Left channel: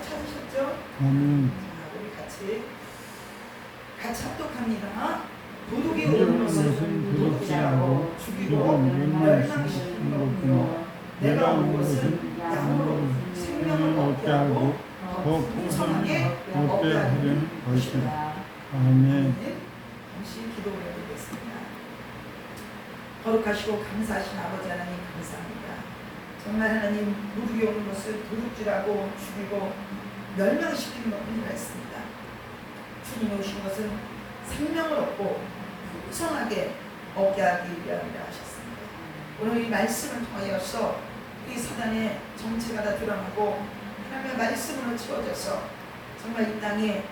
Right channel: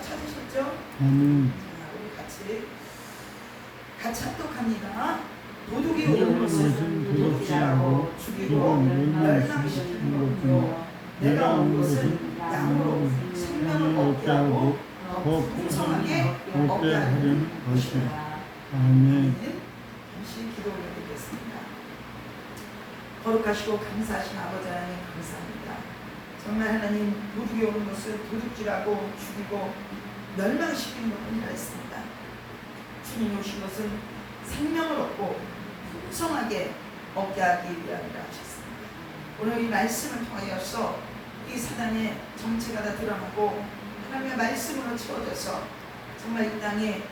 다 찾으셨죠? 아멘. 자, 우리 같이 합독합니다. 도둑이 오는 것은 도둑질하고 죽이고 멸망시키는 것뿐이요 내가 온 것은 양으로 생명을 얻게 하고 더 풍성하게 얻게 하려는 것이다. 아멘. 잠시 기도 올려드리겠습니다. 거룩하시고 감사하신 아버지 하나님 감사합니다. 정말 하나님 도둑이 오는 것을 도둑질하고 죽이고 멸망시키는 것뿐이라 했습니다. 주님이 오신 것은 생명을 얻고 풍성하게 얻게 하기 위함이라 하셨습니다. 오늘 이 말씀을 통하여서 이 사단의 정체가 다 드러나고 하나님의 말씀으로 채워져서 정말 이 땅에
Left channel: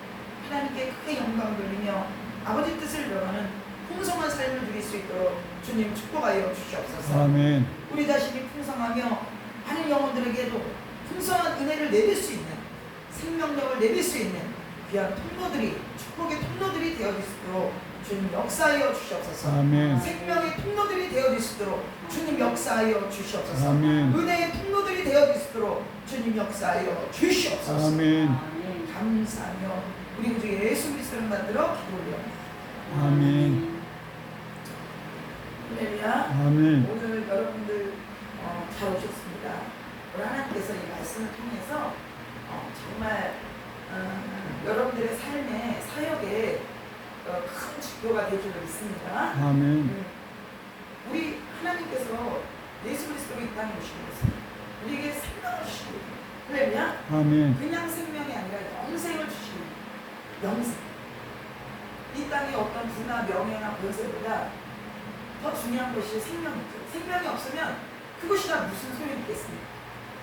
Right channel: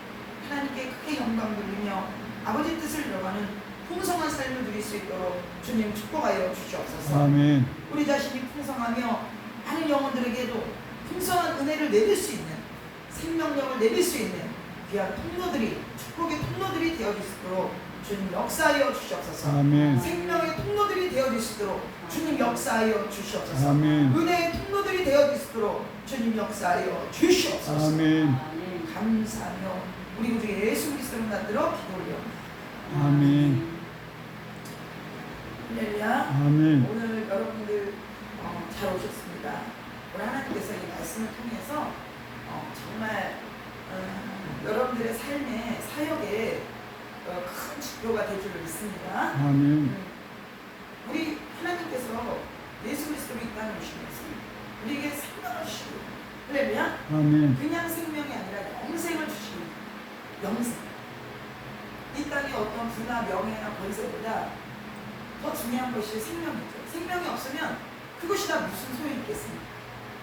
하나님께 크게 영광 돌리며 아버지 뜻을 이루어가는 풍성한 삶을 누릴 수 있도록 주님 축복하여 주시옵소서. 아멘. 우리 자신이 풍성하며 많은 영혼들에게도 풍성한 은혜를 내릴 수 있는 생명력을 내릴 수 있는 귀한 통로들이 축복의 통로들이 되어질 수 있도록 주님 역사하여 주시옵소서. 아멘. 생명의 통로들이 되어질 수 있도록 주님 역사하여 주시옵소서. 아멘. 은혜의 통로들이 되어질 수 있도록 주님 역사하여 주시옵소서. 아멘. 감사하며 우리 구주 예수 그리스도를 만들어 기도 올려옵니다. 아멘. 할렐루야. 아멘. 오늘 여러분들 잘 오셨습니다. 오늘 하나님께서 이 말씀을 통해서 정말 여러분들의 삶의 사역에 큰 지표가 될 줄로 믿습니다. 아멘. 우리 하나님께서 예수 그리스도로 이 땅에 오신 것은 우리에게 생명을 주시고 할렐루야. 아멘. 그냥 생명이 아니라 영생을 주시고 영생. 이 땅의 어떤 부나 명예나 권세보다 더 중요한 것이 생명이죠. 생명이 없으면 그것이 다 무슨 소용이 있겠습니까?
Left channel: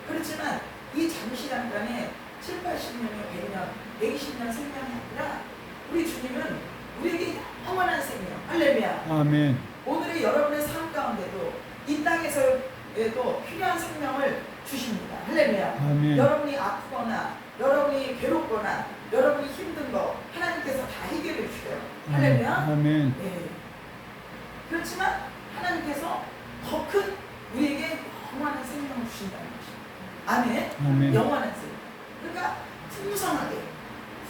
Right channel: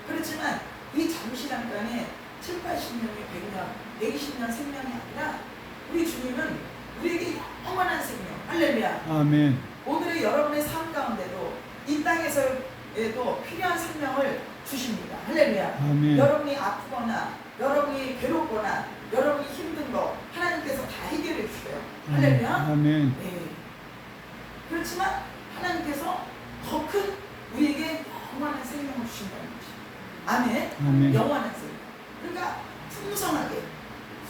그렇지만 이 잠시 잠깐의 7, 80년의 100년, 120년 생명이 아니라 우리 주님은 우리에게 영원한 생명, 할렐루야. 아멘. 오늘의 여러분의 삶 가운데도 이 땅에서에도 필요한 생명을 주십니다. 할렐루야. 아멘. 여러분이 아프거나 여러분이 괴롭거나 여러분이 힘든 거 하나님께서 다 해결해 주셔요. 할렐루야. 아멘. 네. 그렇지만 하나님께서 더 큰 우리에게 영원한 생명을 주신다는 것입니다. 아멘. 아멘. 영원한 생명. 그러니까 풍성하게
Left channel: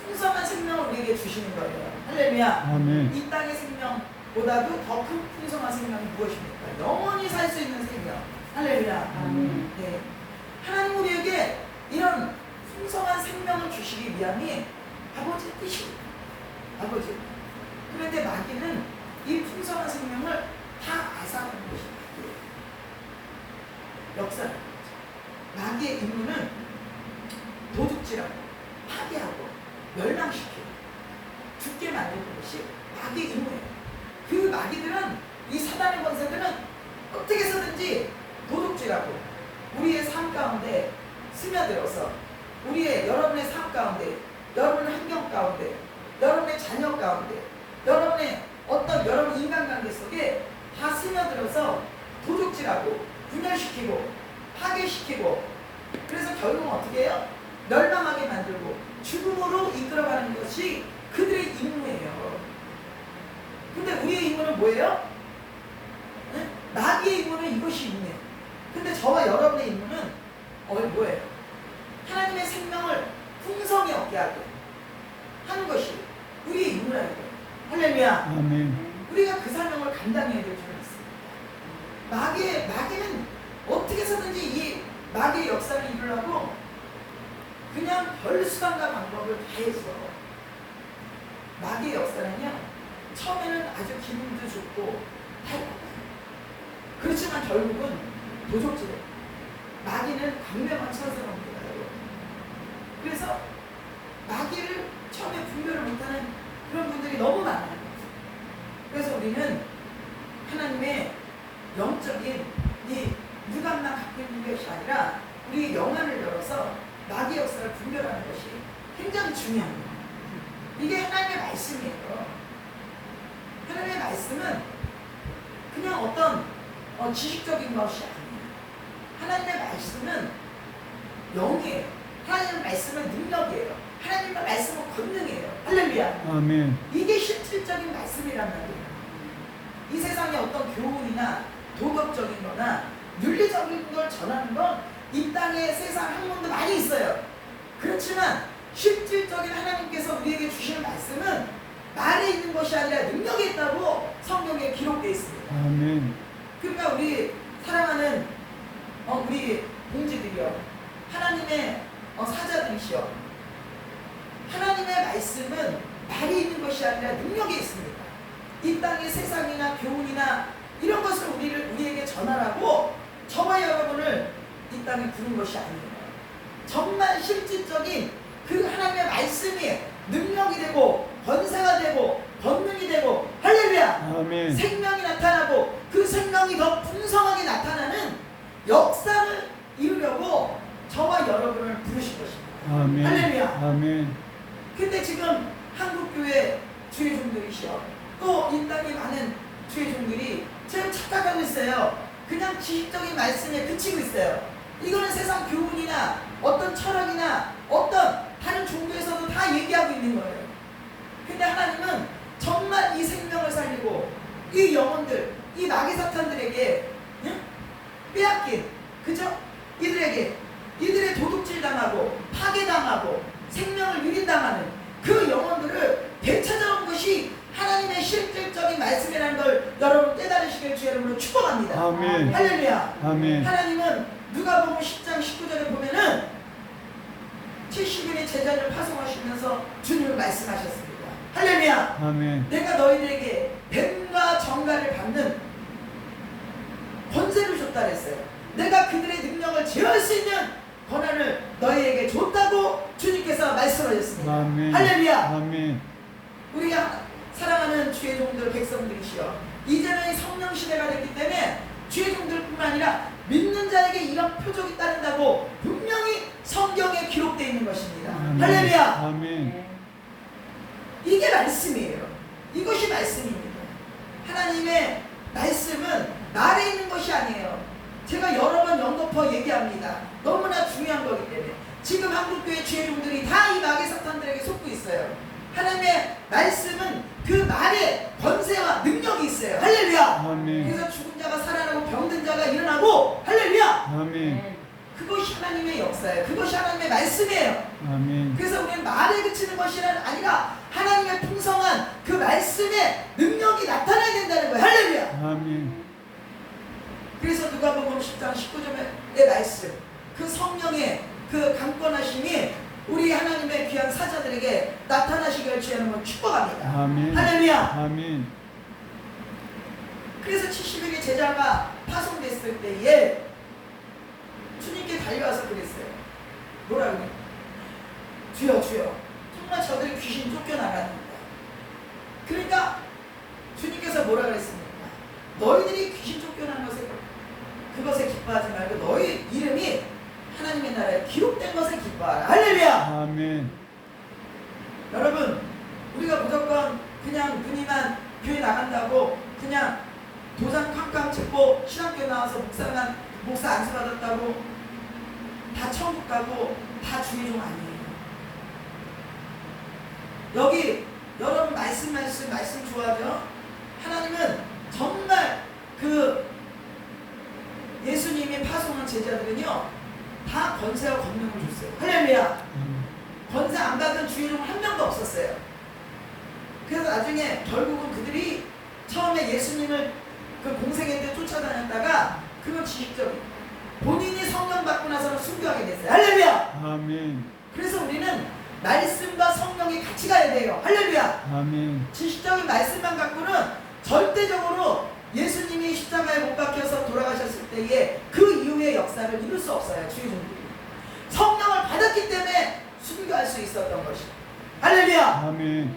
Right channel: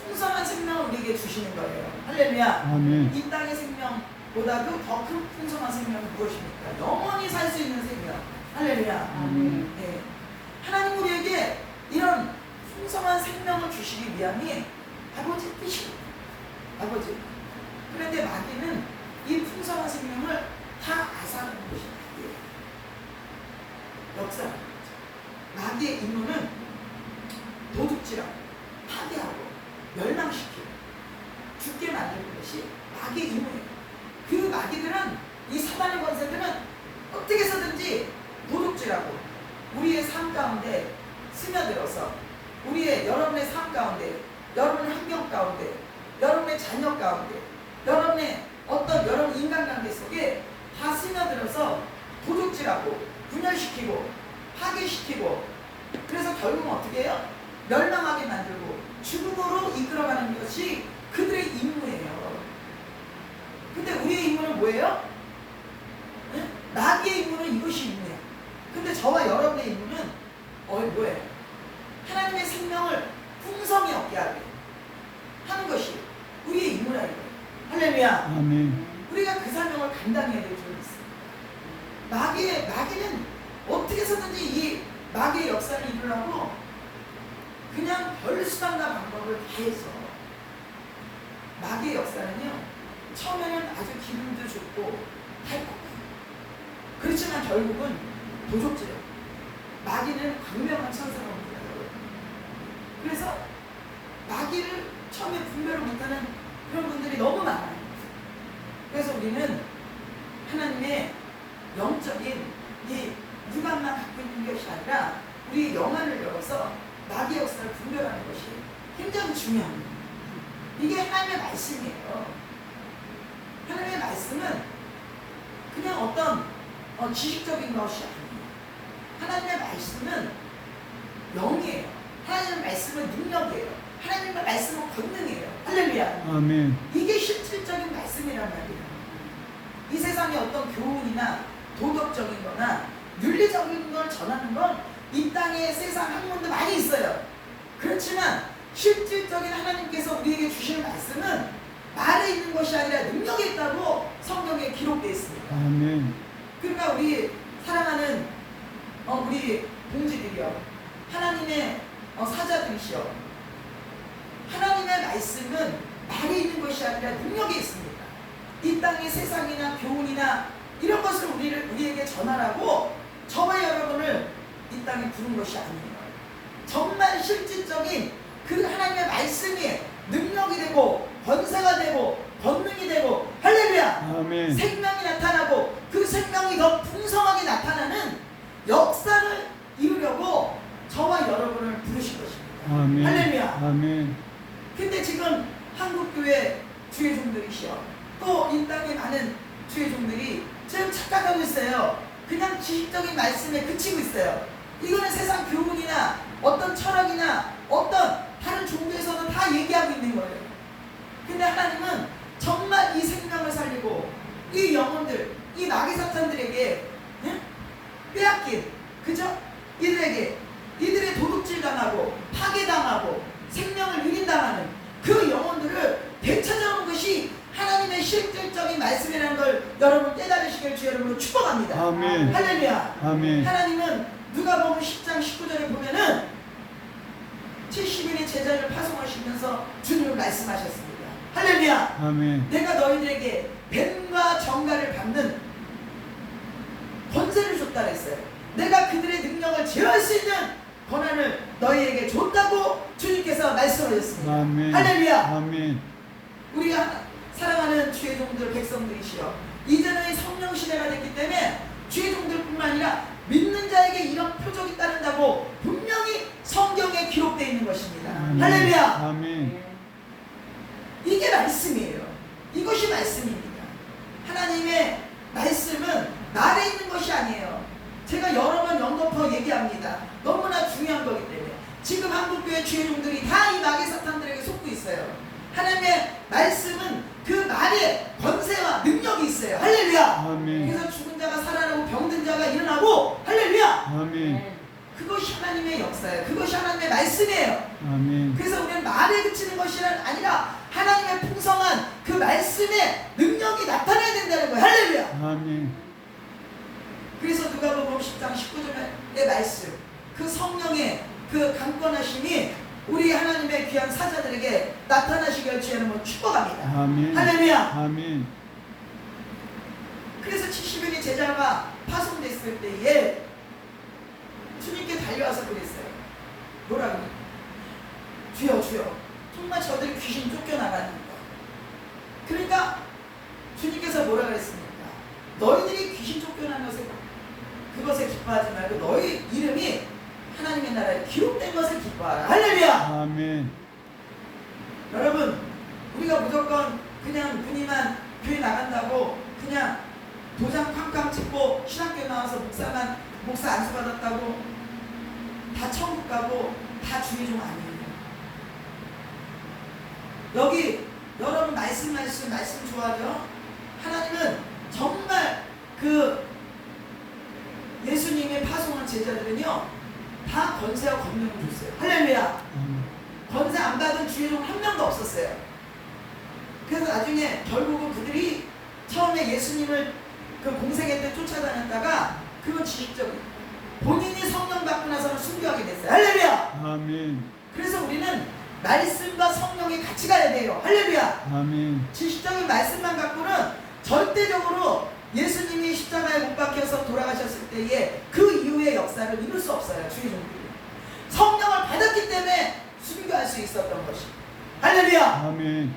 풍성한 생명을 우리에게 주시는 거예요. 할렐루야. 아멘. 이 땅의 생명보다도 더 큰 풍성한 생명이 무엇입니까? 영원히 살 수 있는 생명. 할렐루야. 아멘. 네. 하나님 우리에게 이런 풍성한 생명을 주시기 위함이 아버지 뜻입니다. 아버지. 그런데 마귀는 이 풍성한 생명을 다 앗아가는 것이 마귀예요. 역사라는 거죠. 마귀의 임무는 도둑질하고 파괴하고 멸망시키고 죽게 만드는 것이 마귀의 임무예요. 그 마귀들은 이 사단의 권세들은 어떻게 해서든지 도둑질하고 우리의 삶 가운데 스며들어서 우리의 여러분의 삶 가운데 여러분의 환경 가운데 여러분의 자녀 가운데 여러분의 어떤 여러분 인간관계 속에 다 스며들어서 도둑질하고 분열시키고 파괴시키고 그래서 결국은 어떻게 해요? 멸망하게 만들고 죽음으로 이끌어가는 것이 그들의 임무예요. 근데 우리의 임무는 뭐예요? 네? 마귀의 임무는 이것이 임무예요. 근데 저와 여러분의 임무는 뭐예요? 하나님의 생명을 풍성히 얻게 하게 하는 것이 우리의 임무라 이거예요. 할렐루야. 아멘. 우리가 그 사명을 감당해야 될 줄 믿습니다. 마귀는 어떻게 해서든지 이 마귀의 역사를 이루려고 그냥 별 수단과 방법을 다 해서 마귀의 역사는요 처음에는 아주 기분도 좋고 달콤해요. 그렇지만 결국은 도적질해요. 마귀는 광명한 천사입니다. 그래서 마귀를 처음에 분별을 못하는 그런 분들이 너무 많아요. 그래서 우리는 하나님의 영적인 이 육안만 갖고 있는 것이 아니라 우리 영안을 열어서 마귀 역사를 분별하는 것이 굉장히 중요합니다. 이게 하나님의 말씀이에요. 하나님의 말씀은 그냥 어떤 지식적인 것이 아니에요. 하나님의 말씀은 영이에요. 하나님의 말씀은 능력이에요. 하나님의 말씀은 권능이에요. 할렐루야. 아멘. 이게 실질적인 말씀이란 말이에요. 이 세상에 어떤 교훈이나 도덕적인 거나 윤리적인 걸 전하는 건 이 땅에 세상 학문도 많이 있어요. 그렇지만 실질적인 하나님께서 우리에게 주시는 말씀은 말에 있는 것이 아니라 능력에 있다고 성경에 기록되어 있습니다. 아멘. 그러니까 우리 사랑하는 우리 동지들이요, 하나님의 사자들이시여, 하나님의 말씀은 말에 있는 것이 아니라 능력에 있습니다. 이 땅의 세상이나 교훈이나 이런 것을 우리에게 전하라고 저와 여러분을 이 땅에 부른 것이 아니에요. 정말 실질적인 그 하나님의 말씀이 능력이 되고 권세가 되고 권능이 되고, 할렐루야, 아멘. 생명이 나타나고 그 생명이 더 풍성하게 나타나는 역사를 이루려고 저와 여러분을 부르신 것입니다. 아멘. 할렐루야. 아멘. 근데 지금 한국교회 주의 종들이시여, 또 이 땅에 많은 주의 종들이 지금 착각하고 있어요. 그냥 지식적인 말씀에 그치고 있어요. 이거는 세상 교훈이나 어떤 철학이나 어떤 다른 종교에서도 다 얘기하고 있는 거예요. 근데 하나님은 정말 이 생명을 살리고 이 영혼들, 이 마귀 사탄들에게 빼앗긴, 그죠? 이들의 도둑질 당하고 파괴당하고 생명을 유린당하는 그 영혼들을 되찾아오는 것이 하나님의 실질적인 말씀이라는 걸 여러분 깨달으시길 주 여러분으로 축복합니다. 아멘. 할렐루야. 아멘. 하나님은 누가복음 10장 19절에 보면은 70인의 제자를 파송하시면서 주님을 말씀하셨습니다. 할렐루야. 아멘. 내가 너희들에게 뱀과 정갈을 받는 권세를 줬다 그랬어요. 내가 그들의 능력을 제어할 수 있는 권한을 너희에게 줬다고 주님께서 말씀하셨습니다. 아멘. 할렐루야. 아멘. 우리가 사랑하는 주의 종들 백성들이시여, 이제는 성령 시대가 됐기 때문에 주의 종들뿐만 아니라 믿는 자에게 이런 표적이 따른다고 분명히 성경에 기록되어 있는 것입니다. 아멘. 할렐루야. 아멘. 이게 말씀이에요. 이것이 말씀입니다. 하나님의 말씀은 말에 있는 것이 아니에요. 제가 여러 번 연거푸어 얘기합니다. 너무나 중요한 거기 때문에. 지금 한국교회 주의 종들이 다 이 마귀 사탄들에게 속고 있어요. 하나님의 말씀은 그 말에 권세와 능력이 있어요. 할렐루야. 아멘. 그래서 죽은 자가 살아나고 병든 자가 일어나고, 할렐루야. 아멘. 그것이 하나님의 역사예요. 그것이 하나님의 말씀이에요. 아멘. 그래서 우리는 말에 그치는 것이 아니라 하나님의 풍성한 그 말씀의 능력이 나타나야 된다는 거예요. 할렐루야. 아멘. 그래서 누가복음 10장 19절의 말씀, 그 성령의 그 강권하심이 우리 하나님의 귀한 사자들에게 나타나시길 주 여러분 축복합니다. 아멘. 할렐루야. 아멘. 그래서 70일의 제자가 파송됐을 때에 주님께 달려와서 그랬어요. 뭐라고? 주여 주여, 정말 저들이 귀신 쫓겨나갑니다. 그러니까 주님께서 뭐라 그랬습니까? 너희들이 귀신 쫓겨나는 그것에 기뻐하지 말고 너희 이름이 하나님의 나라에 기록된 것을 기뻐하라. 할렐루야. 아멘. 여러분, 우리가 무조건 그냥 누님만 교회 나간다고 그냥 도장 쾅쾅 찍고 신학교에 나와서 목사 안수 받았다고 다 천국 가고 다 주의 종 아니에요. 여기 여러분 말씀 좋아하죠? 하나님은 정말 그 예수님이 파송한 제자들은요 다 권세와 권능을 줬어요. 할렐루야. 권세 안 받은 주의 종 한 명도 없었어요. 그래서 나중에 결국은 그들이 처음에 예수님을 그 공생애 때 쫓아다녔다가 그건 지식적인, 본인이 성령 받고 나서는 순교하게 됐어요. 할렐루야. 아멘. 그래서 우리는 말씀과 성령이 같이 가야 돼요. 할렐루야. 아멘. 지식적인 말씀만 갖고는 절대적으로 예수님이 십자가에 못 박혀서 돌아가셨을 때에 그 이후의 역사를 이룰 수 없어요. 주의 종들이 성령을 받았기 때문에 순교할 수 있었던 것이. 할렐루야. 아멘.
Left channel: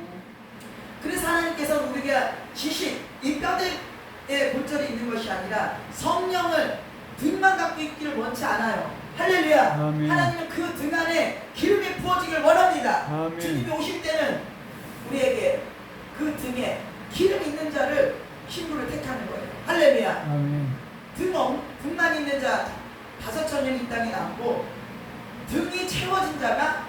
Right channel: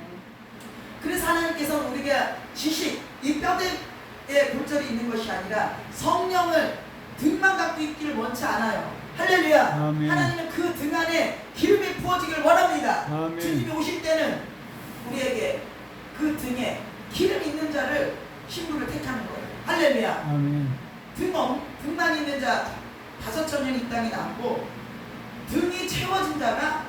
그래서 하나님께서는 우리가 지식, 이 뼈대에 골절이 있는 것이 아니라 성령을 등만 갖고 있기를 원치 않아요. 할렐루야. 아멘. 하나님은 그 등 안에 기름이 부어지길 원합니다. 아멘. 주님이 오실 때는 우리에게 그 등에 기름 있는 자를 신부를 택하는 거예요. 할렐루야. 아멘. 등만 있는 자 5,000년 이 땅에 남고 등이 채워진 자가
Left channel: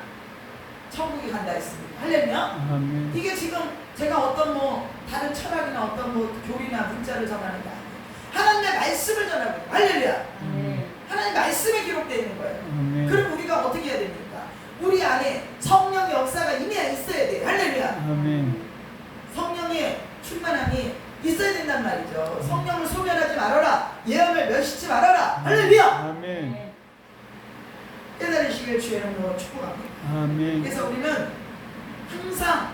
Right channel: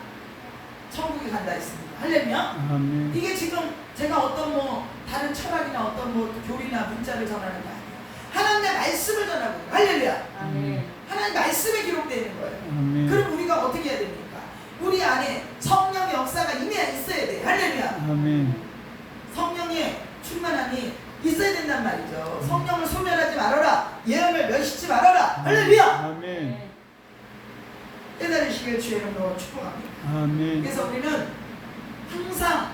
천국에 간다 했습니다. 할렐루야. 아멘. 이게 지금 제가 어떤 다른 철학이나 어떤 교리나 문자를 전하는 게 아니에요. 하나님의 말씀을 전하는 거예요. 할렐루야. 하나님 말씀에 기록되어 있는 거예요. 아멘. 그럼 우리가 어떻게 해야 됩니까? 우리 안에 성령의 역사가 임해 있어야 돼. 할렐루야. 아멘. 성령의 충만함이 있어야 된단 말이죠. 성령을 소멸하지 말아라. 예언을 멸시치 말아라. 할렐루야. 아멘. 깨달으시길 주의 이름으로 축복합니다. 아멘. 그래서 우리는 항상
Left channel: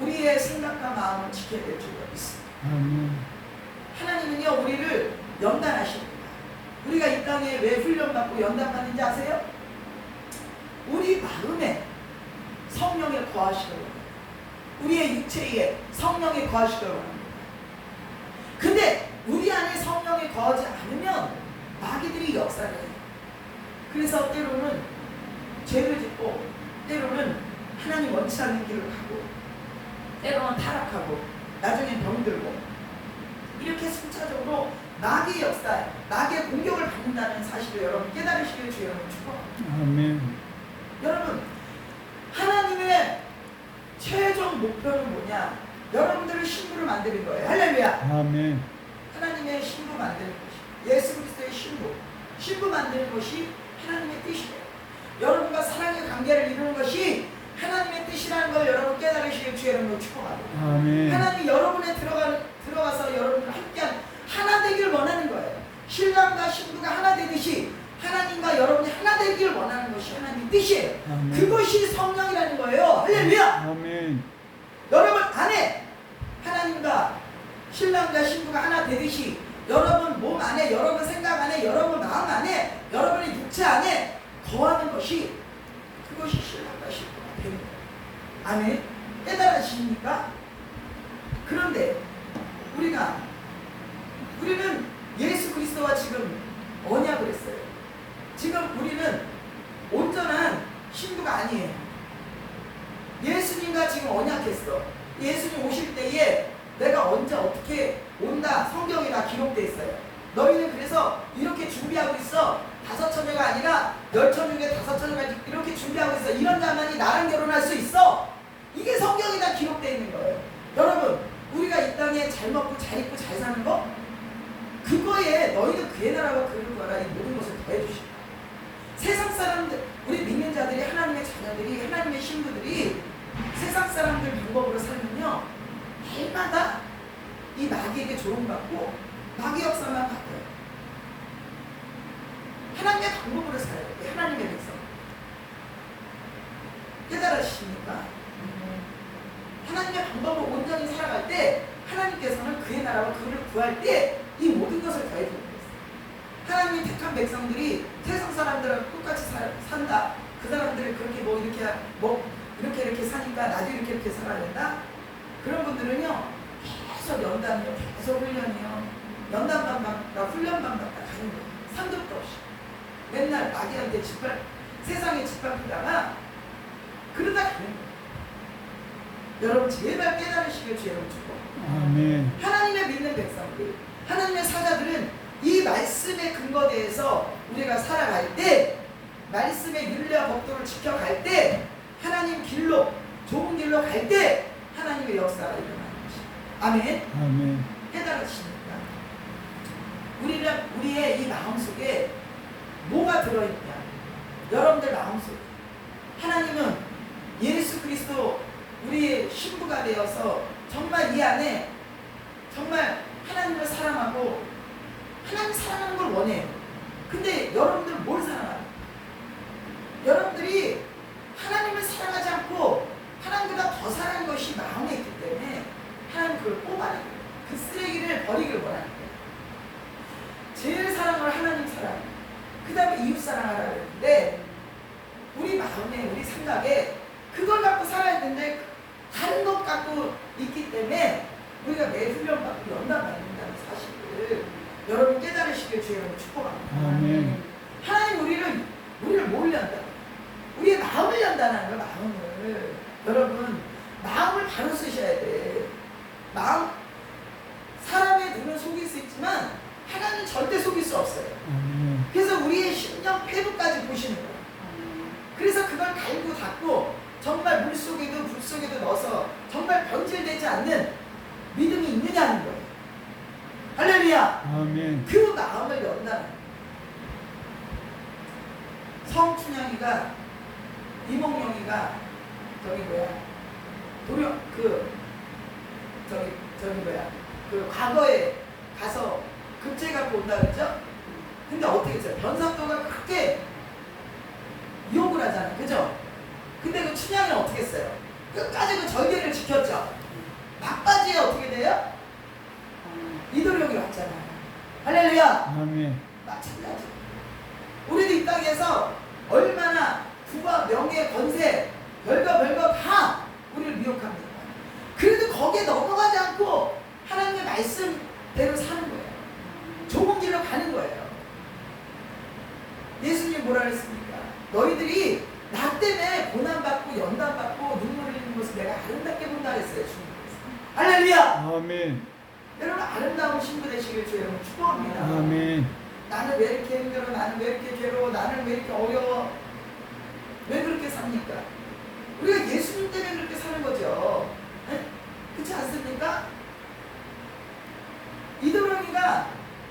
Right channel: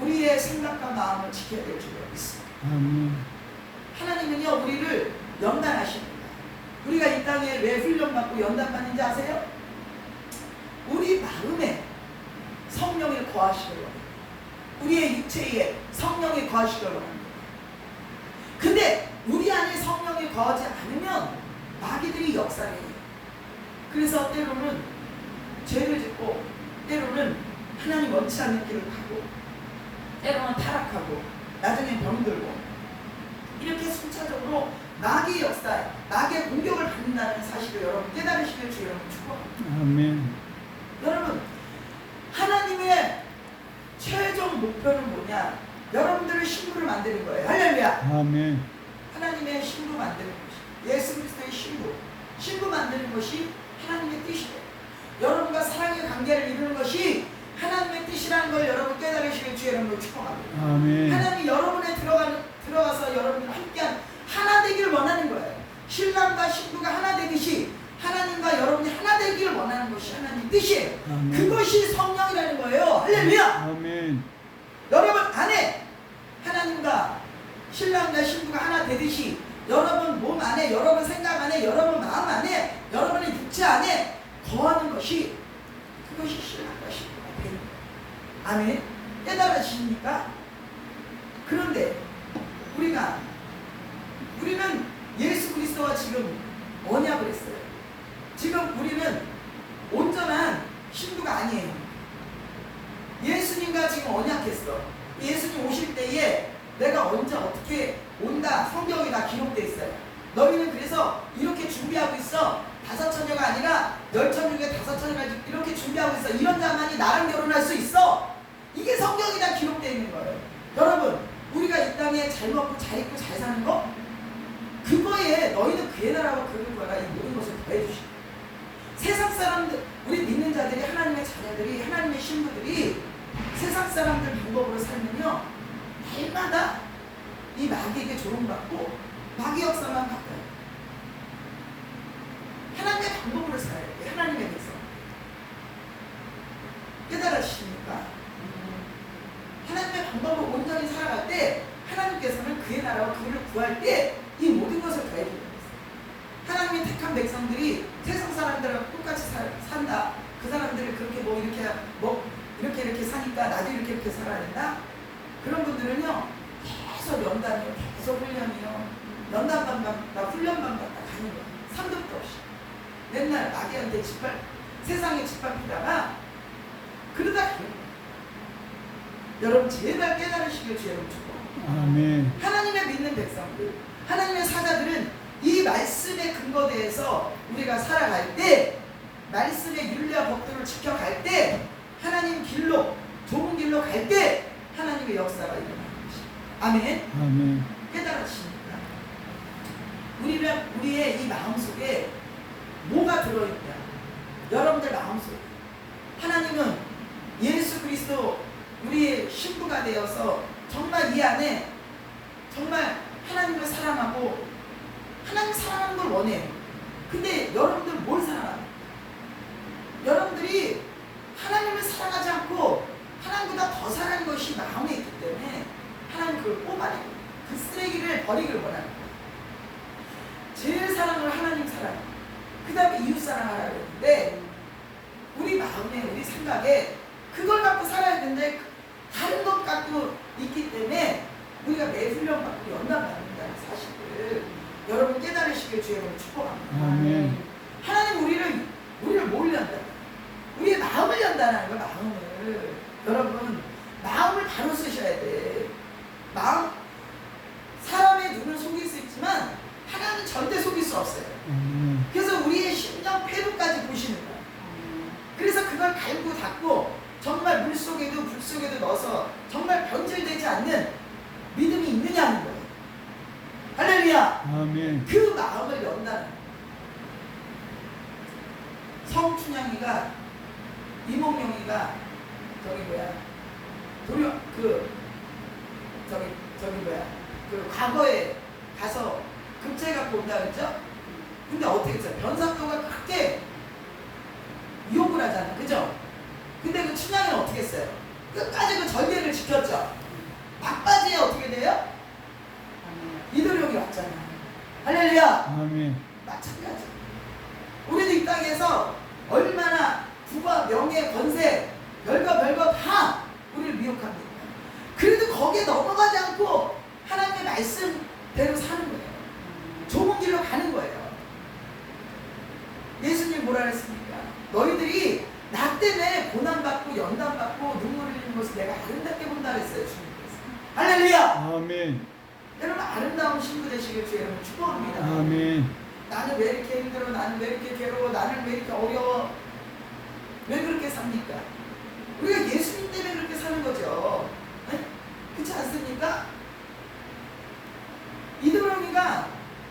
우리의 생각과 마음을 지켜야 될 줄로 믿습니다. 아멘. 하나님은요 우리를 연단하십니다. 우리가 이 땅에 왜 훈련받고 연단받는지 아세요? 우리 마음에 성령이 거하시려고 합니다. 우리의 육체에 성령이 거하시려고 합니다. 근데 우리 안에 성령이 거하지 않으면 마귀들이 역사를 해요. 그래서 때로는 죄를 짓고 때로는 하나님 원치 않는 길을 가고 때로는 타락하고 나중에 병들고 이렇게 순차적으로 마귀의 역사에 마귀의 공격을 받는다는 사실을 여러분 깨달으시길 주여 여러분 축복합니다. 아멘. 여러분 하나님의 최종 목표는 뭐냐? 여러분들을 신부를 만드는 거예요. 할렐루야. 아멘. 하나님의 신부 만드는 것이 예수 그리스도의 신부 만드는 것이 하나님의 뜻이에요. 여러분과 사랑의 관계를 이루는 것이 하나님의 뜻이라는 걸 여러분 깨달으시길 주의 이름으로 축복합니다. 아멘. 하나님 여러분에 들어가서 여러분들 함께한 하나 되기를 원하는 거예요. 신랑과 신부가 하나 되듯이 하나님과 여러분이 하나 되기를 원하는 것이 하나님의 뜻이에요. 아멘. 그것이 성령이라는 거예요. 할렐루야. 아멘. 여러분 안에 하나님과 신랑과 신부가 하나 되듯이 여러분 몸 안에, 여러분 생각 안에, 여러분 마음 안에, 여러분의 육체 안에 거하는 것이 그것이 신랑과 신부가 되는 거예요. 아멘. 깨달아지십니까? 그런데 우리는 예수 그리스도와 지금 언약을 했어요. 지금 우리는 온전한 신부가 아니에요. 예수님과 지금 언약했어. 예수님 오실 때에 내가 언제 어떻게 온다 성경에 다 기록되어 있어요. 너희는 그래서 이렇게 준비하고 있어. 5처녀가 아니라 10처녀 중에 5처녀가 이렇게 준비하고 있어. 이런 자만이 나랑 결혼할 수 있어. 이게 성경에 다 기록되어 있는 거예요. 여러분 우리가 이 땅에 잘 먹고 잘 입고 잘 사는 거 그거에 너희는 그의 나라와 그를 구하라 이 모든 것을 더해 주시고 세상 사람들 우리 믿는 자들이 하나님의 자녀들이 하나님의 신부들이 세상 사람들 방법으로 살면요 날마다 이 마귀에게 조롱받고 마귀 역사만 바꿔요. 하나님의 방법으로 살아야 돼요. 하나님의 백성 깨달으십니까? 하나님의 방법으로 온전히 살아갈 때 하나님께서는 그의 나라와 그를 구할 때 이 모든 것을 더해주는 거예요. 하나님의 택한 백성들이 세상 사람들하고 똑같이 산다. 그 사람들을 그렇게 이렇게 사니까 나도 이렇게 살아야 된다. 그런 분들은요 계속 연단이요, 계속 훈련이요, 연단만 받다, 훈련만 받다 가는 거예요. 상급도 없이 맨날 마귀한테 세상에 짓밟히다가 그러다 가는 거예요. 여러분 제발 깨달으시길 주의 이름으로 축복합니다. 아멘. 하나님의 믿는 백성들, 하나님의 사자들은 이 말씀의 근거대에서 우리가 살아갈 때, 말씀의 윤리와 법도를 지켜갈 때, 하나님 길로, 좋은 길로 갈 때 하나님의 역사가 일어나는 것입니다. 아멘. 아멘. 깨달으십니까? 우리의 이 마음속에 뭐가 들어있냐? 여러분들 마음속에 하나님은 예수 그리스도 우리의 신부가 되어서 정말 이 안에 정말 하나님을 사랑하고 하나님 사랑하는 걸 원해요. 근데 여러분들 뭘 사랑해요? 여러분들이 하나님을 사랑하지 않고 하나님보다 더 사랑하는 것이 마음에 있기 때문에 하나님 그걸 뽑아내고 그 쓰레기를 버리기를 원하는 거예요. 제일 사랑을 하나님 사랑, 그 다음에 이웃 사랑하라고 했는데 우리 마음에 우리 생각에 그걸 갖고 살아야 되는데 다른 것 갖고 있기 때문에 우리가 매 훈련받고 연단받는다는 사실을 여러분 깨달으시길 주의 이름으로 축복합니다. 아멘. 하나님 우리를 뭘 연단? 우리의 마음을 연단하는 거야. 마음을. 여러분 마음을 바로 쓰셔야 돼. 마음 사람의 눈은 속일 수 있지만 하나님은 절대 속일 수 없어요. 아멘. 그래서 우리의 심령 폐부까지 보시는 거야. 그래서 그걸 갈고 닦고 정말 물 속에도 불 속에도 넣어서 정말 변질되지 않는 믿음이 있느냐 하는 거예요. 할렐루야. 아멘. 그 마음을 연다는 성춘향이가 이몽룡이가 저기 뭐야 도령 저기 뭐야 그 과거에 가서 급제 갖고 온다 그랬죠? 근데 어떻게 했어요? 변사또가 그렇게 유혹을 하잖아, 그죠? 근데 그 춘향이는 어떻게 했어요? 끝까지 그 절개를 지켰죠. 막바지에 어떻게 돼요? 이도령이 왔잖아. 할렐루야. 아멘. 마찬가지. 우리도 이 땅에서 얼마나 부와 명예, 권세, 별거 다 우리를 미혹합니다. 그래도 거기에 넘어가지 않고 하나님의 말씀대로 사는 거예요. 좁은 길로 가는 거예요. 예수님 뭐라 그랬습니까? 너희들이 나 때문에 고난받고 연단받고 눈물 흘리는 것을 내가 아름답게 본다 그랬어요. 주님께서. 할렐루야. 아멘. 여러분 아름다운 신부 되시길 주 여러분 축복합니다. 아멘. 나는 왜 이렇게 힘들어? 나는 왜 이렇게 괴로워? 나는 왜 이렇게 어려워? 왜 그렇게 삽니까? 우리가 예수님 때문에 그렇게 사는 거죠. 네? 그렇지 않습니까? 이도령이가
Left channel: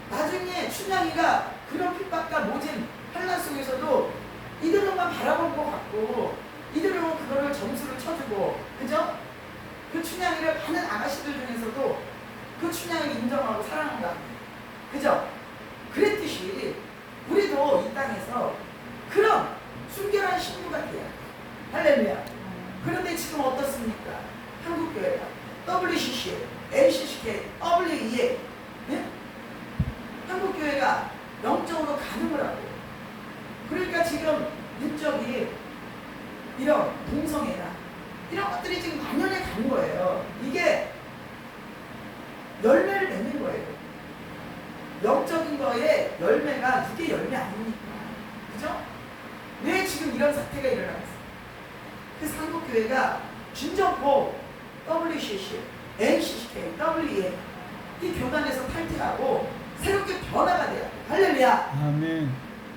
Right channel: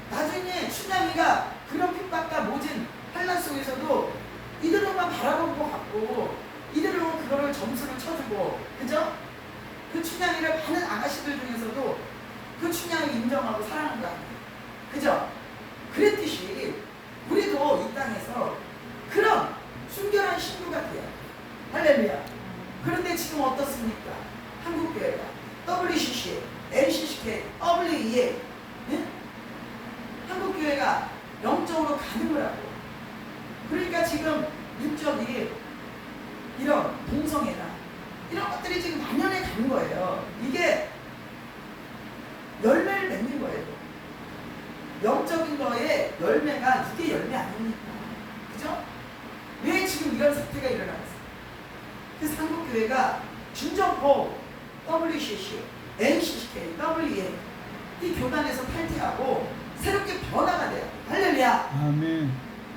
나중에 춘향이가 그런 핍박과 모진 환난 속에서도 이도령만 바라본 것 같고 이도령은 그거를 점수를 쳐주고 그죠? 그 춘향이를 많은 아가씨들 중에서도 그 춘향을 인정하고 사랑한 거 아니에요. 그죠? 그랬듯이 우리도 이 땅에서 그런 순결한 신부가 돼야 돼요. 할렐루야. 그런데 지금 어떻습니까? 한국교회가 WCC, LCCK, WEA 예? 한국교회가 영적으로 가늠을 하고 그러니까 지금 육적이 이런 동성애나 이런 것들이 지금 만연해 가는 거예요. 이게 열매를 맺는 거예요. 영적인 거에 열매가 육의 열매 아닙니까? 그죠? 왜 지금 이런 사태가 일어났어요? 그래서 한국교회가 진정코 WCC, NCCK, WEA 이 교단에서 탈퇴하고 새롭게 변화가 돼야 돼요. 할렐루야. 아멘.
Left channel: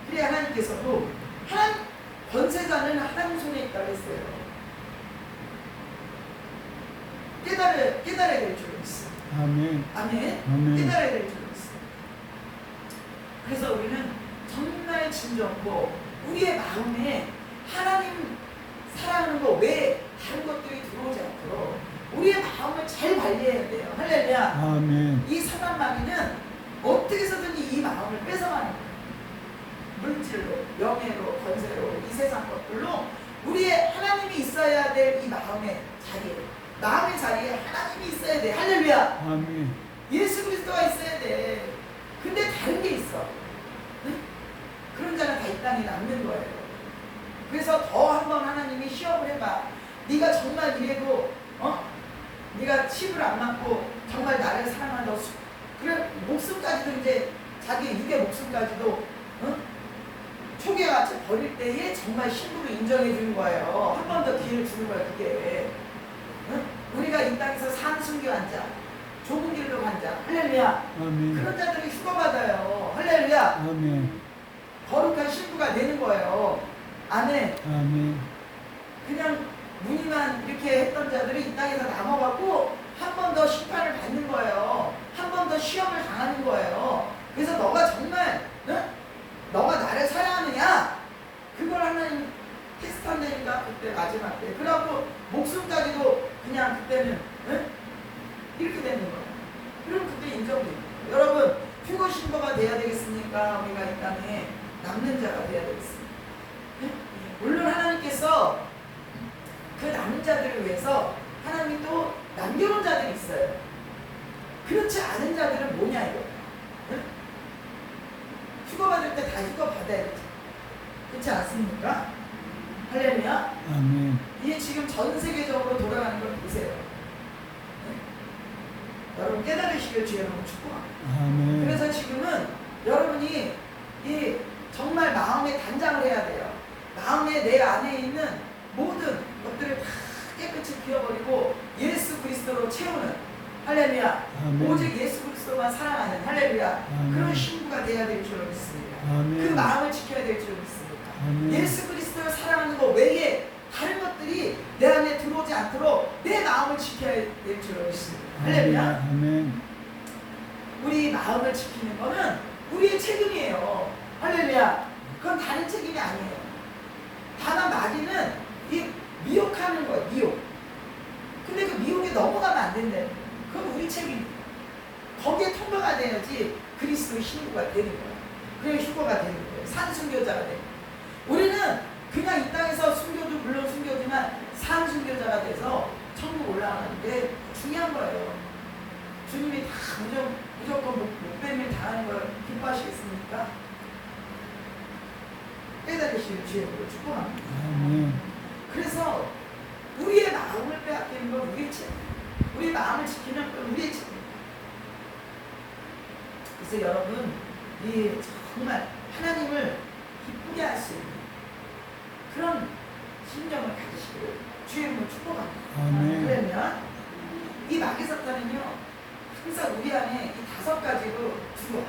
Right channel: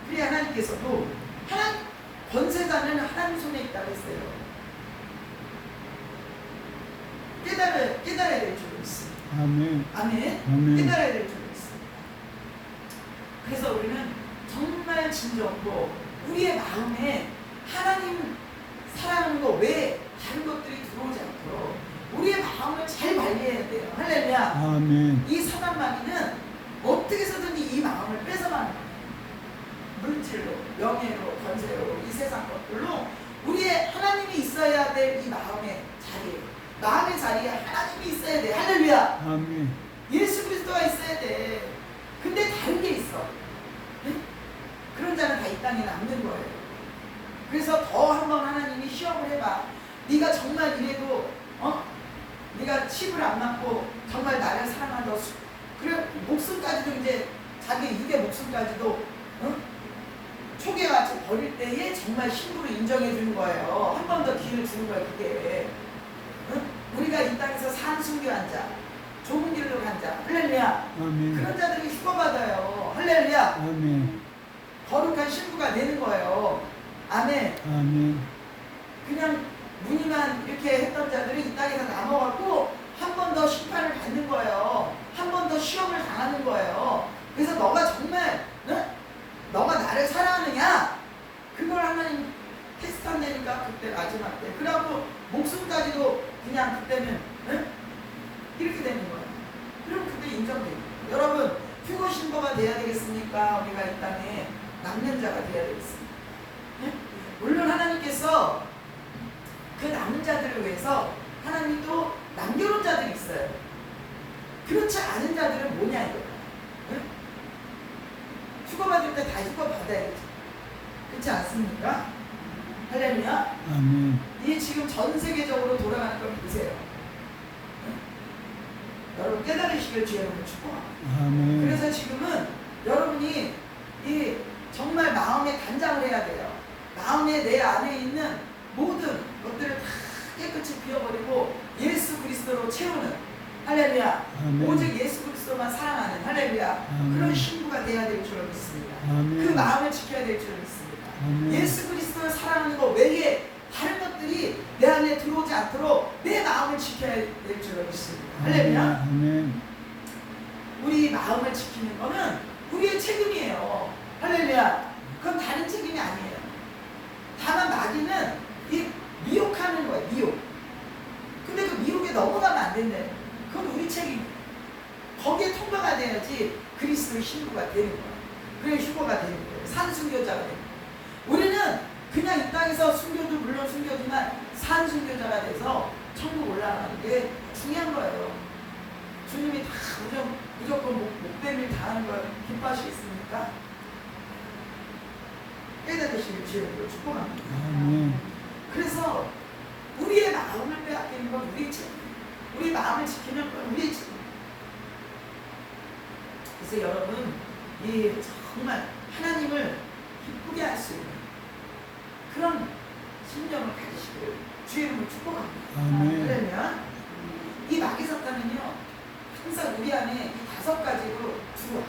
그래야 하나님께서도 하나님 권세자는 하나님 손에 있다고 했어요. 깨달아야 될 줄로 있습니다. 아멘. 아멘. 아멘. 깨달아야 될 줄로 있습니다. 그래서 우리는 정말 진정으로 우리의 마음에 하나님 사랑하는 거 외에 다른 것들이 들어오지 않도록 우리의 마음을 잘 관리해야 돼요. 할렐루야. 아멘. 이 사단마귀는 어떻게 해서든지 이 마음을 뺏어가는 거예요. 물질로, 명예로, 권세로, 이 세상 것들로 우리의 하나님이 있어야 될 이 마음의 자리에 마음의 자리에 하나님이 있어야 돼. 할렐루야. 아멘. 예수 그리스도가 있어야 돼. 근데 다른 게 있어. 네? 그런 자는 다 이 땅에 남는 거예요. 그래서 더 한번 하나님이 시험을 해봐. 네가 정말 이래도 네가 칩을 안 맞고 정말 나를 사랑한다. 그래 목숨까지도 이제 자기 육의 목숨까지도 초기같이 버릴 때에 정말 신부로 인정해 주는 거예요. 한 번 더 기회를 주는 거예요. 그게 우리가 이 땅에서 산순교한 자, 좁은 길로 간 자, 할렐루야. 아멘. 그런 자들이 휴거받아요. 할렐루야. 아멘. 거룩한 신부가 되는 거예요. 아멘. 아멘. 그냥 무늬만 이렇게 했던 자들이 이 땅에서 남아갖고 한 번 더 심판을 받는 거예요. 한 번 더 시험을 당하는 거예요. 그래서 너가 정말 너가 나를 사랑하느냐? 그걸 하나님 테스트한다니까 그때 마지막 때. 그래갖고 목숨까지도 그냥 그때는 이렇게 되는 거예요. 그럼 그때 인정돼요. 여러분 휴거 신부가 돼야 되겠습니까? 우리가 이 땅에 남는 자가 돼야 되겠습니다. 물론 하나님께서 그 남은 자들을 위해서 하나님이 또 남겨놓은 자들이 있어요. 그렇지 않은 자들은 뭐냐 이거예요. 휴거 받을 때 다 휴거 받아야 되죠. 그렇지 않습니까? 할렐루야. 아멘. 이게 지금 전 세계적으로 돌아가는 걸 보세요. 여러분 깨달으시길 주의 이름으로 축복합니다. 아멘. 그래서 지금은 여러분이 이 정말 마음에 단장을 해야 돼요. 마음에 내 안에 있는 모든 것들을 다 깨끗이 비워버리고 예수 그리스도로 채우는 할렐루야. 아멘. 오직 예수 그리스도만 사랑하는 할렐루야. 아멘. 그런 신부가 돼야 될 줄로 믿습니다. 아멘. 그 마음을 지켜야 될 줄로 믿습니다. 아멘. 예수 그리스도를 사랑하는 것 외에 다른 것들이 내 안에 들어오지 않도록 내 마음을 지켜야 될 줄로 믿습니다. 할렐루야. 아멘. 우리 마음을 지키는 거는 우리의 책임이에요. 할렐루야. 그건 다른 책임이 아니에요. 다만 마귀는 신부가 되는 거야. 그게 휴거가 되는 거예요. 산순교자가 되는 거예요. 우리는 그냥 이 땅에서 순교도 물론 순교지만 산순교자가 돼서 천국 올라가는 게 중요한 거예요. 주님이 다 무조건 목뱀일 당하는 걸 기뻐하시겠습니까? 깨달으시길 주님으로 축복합니다. 아멘. 그래서 우리의 마음을 빼앗기는 건 우리의 죄. 우리의 마음을 지키는 건 우리의 죄. 그래서 여러분 이 정말 하나님을 기쁘게 할 수 있는 그런 심령을 가지시기를 주의 이름으로 축복합니다. 아멘. 그러면 이 마귀 사탄은요 항상 우리 안에 이 5가지로 들어와.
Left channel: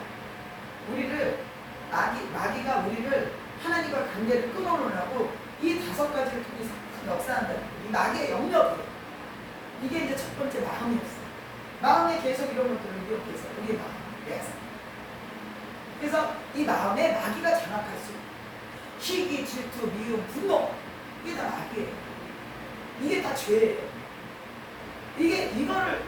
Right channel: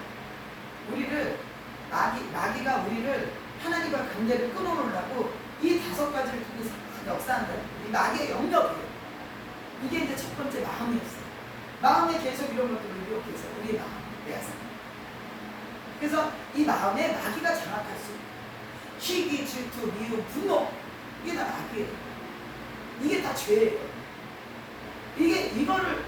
우리를 마귀가 우리를 하나님과 관계를 끊어놓으려고 이 5가지를 통해서 역사한다. 이 마귀의 영역이에요. 이게 이제 첫 번째 마음이었어요. 마음에 계속 이런 것들을 이렇게해서 우리의 마음을 빼앗아. 그래서 이 마음에 마귀가 장악할 수 있어요. 시기, 질투, 미움, 분노, 이게 다 마귀예요. 이게 다 죄예요. 이거를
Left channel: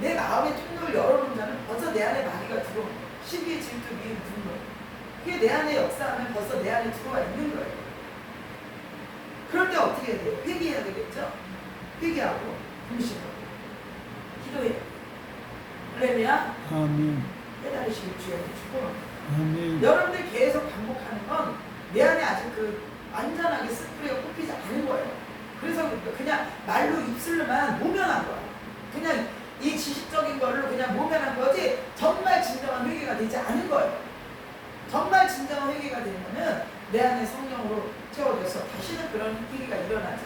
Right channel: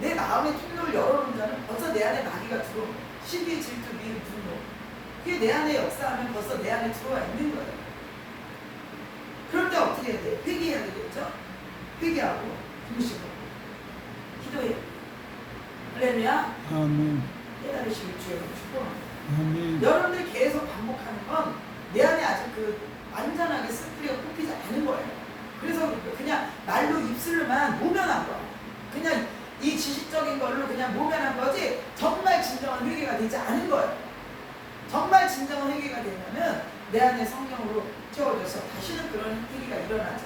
내 마음의 통로를 열어놓은 자는 벌써 내 안에 마귀가 들어오는 거예요. 시기, 질투, 미움, 분노, 그게 내 안에 역사하면 벌써 내 안에 들어와 있는 거예요. 그럴 때 어떻게 해야 돼요? 회개해야 되겠죠? 회개하고 금식하고 기도해야 돼요. 할렐루야. 아멘. 깨달으시길 주의 이름으로 축복합니다. 아멘. 여러분들이 계속 반복하는 건 내 안에 아직 완전하게 쓴뿌리가 뽑히지 않은 거예요. 그래서 그냥 말로 입술로만 모면한 거야. 그냥 이 지식적인 걸로 그냥 모면한 거지 정말 진정한 회개가 되지 않은 거예요. 정말 진정한 회개가 되면은 내 안에 성령으로 채워져서 다시는 그런 행위가 일어나지.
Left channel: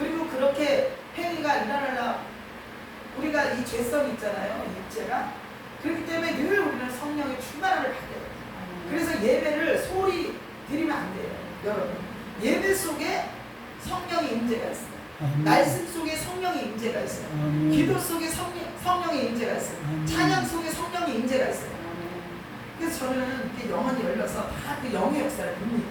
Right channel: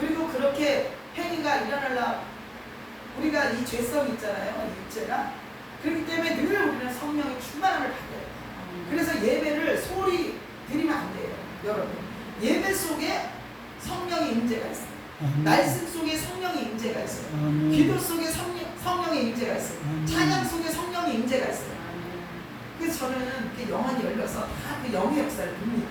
그리고 그렇게 행위가 일어나려 우리가 이 죄성이 있잖아요. 이 육체가. 그렇기 때문에 늘 우리는 성령의 충만함을 받아요. 그래서 예배를 소리 드리면 안 돼요. 여러분 예배 속에 성령의 임재가 있어요. 아멘. 말씀 속에 성령의 임재가 있어요. 아멘. 기도 속에 성령의 임재가 있어요. 아멘. 찬양 속에 성령의 임재가 있어요. 그래서 저는 이렇게 영혼이 열려서 다 그 영의 역사를 봅니다.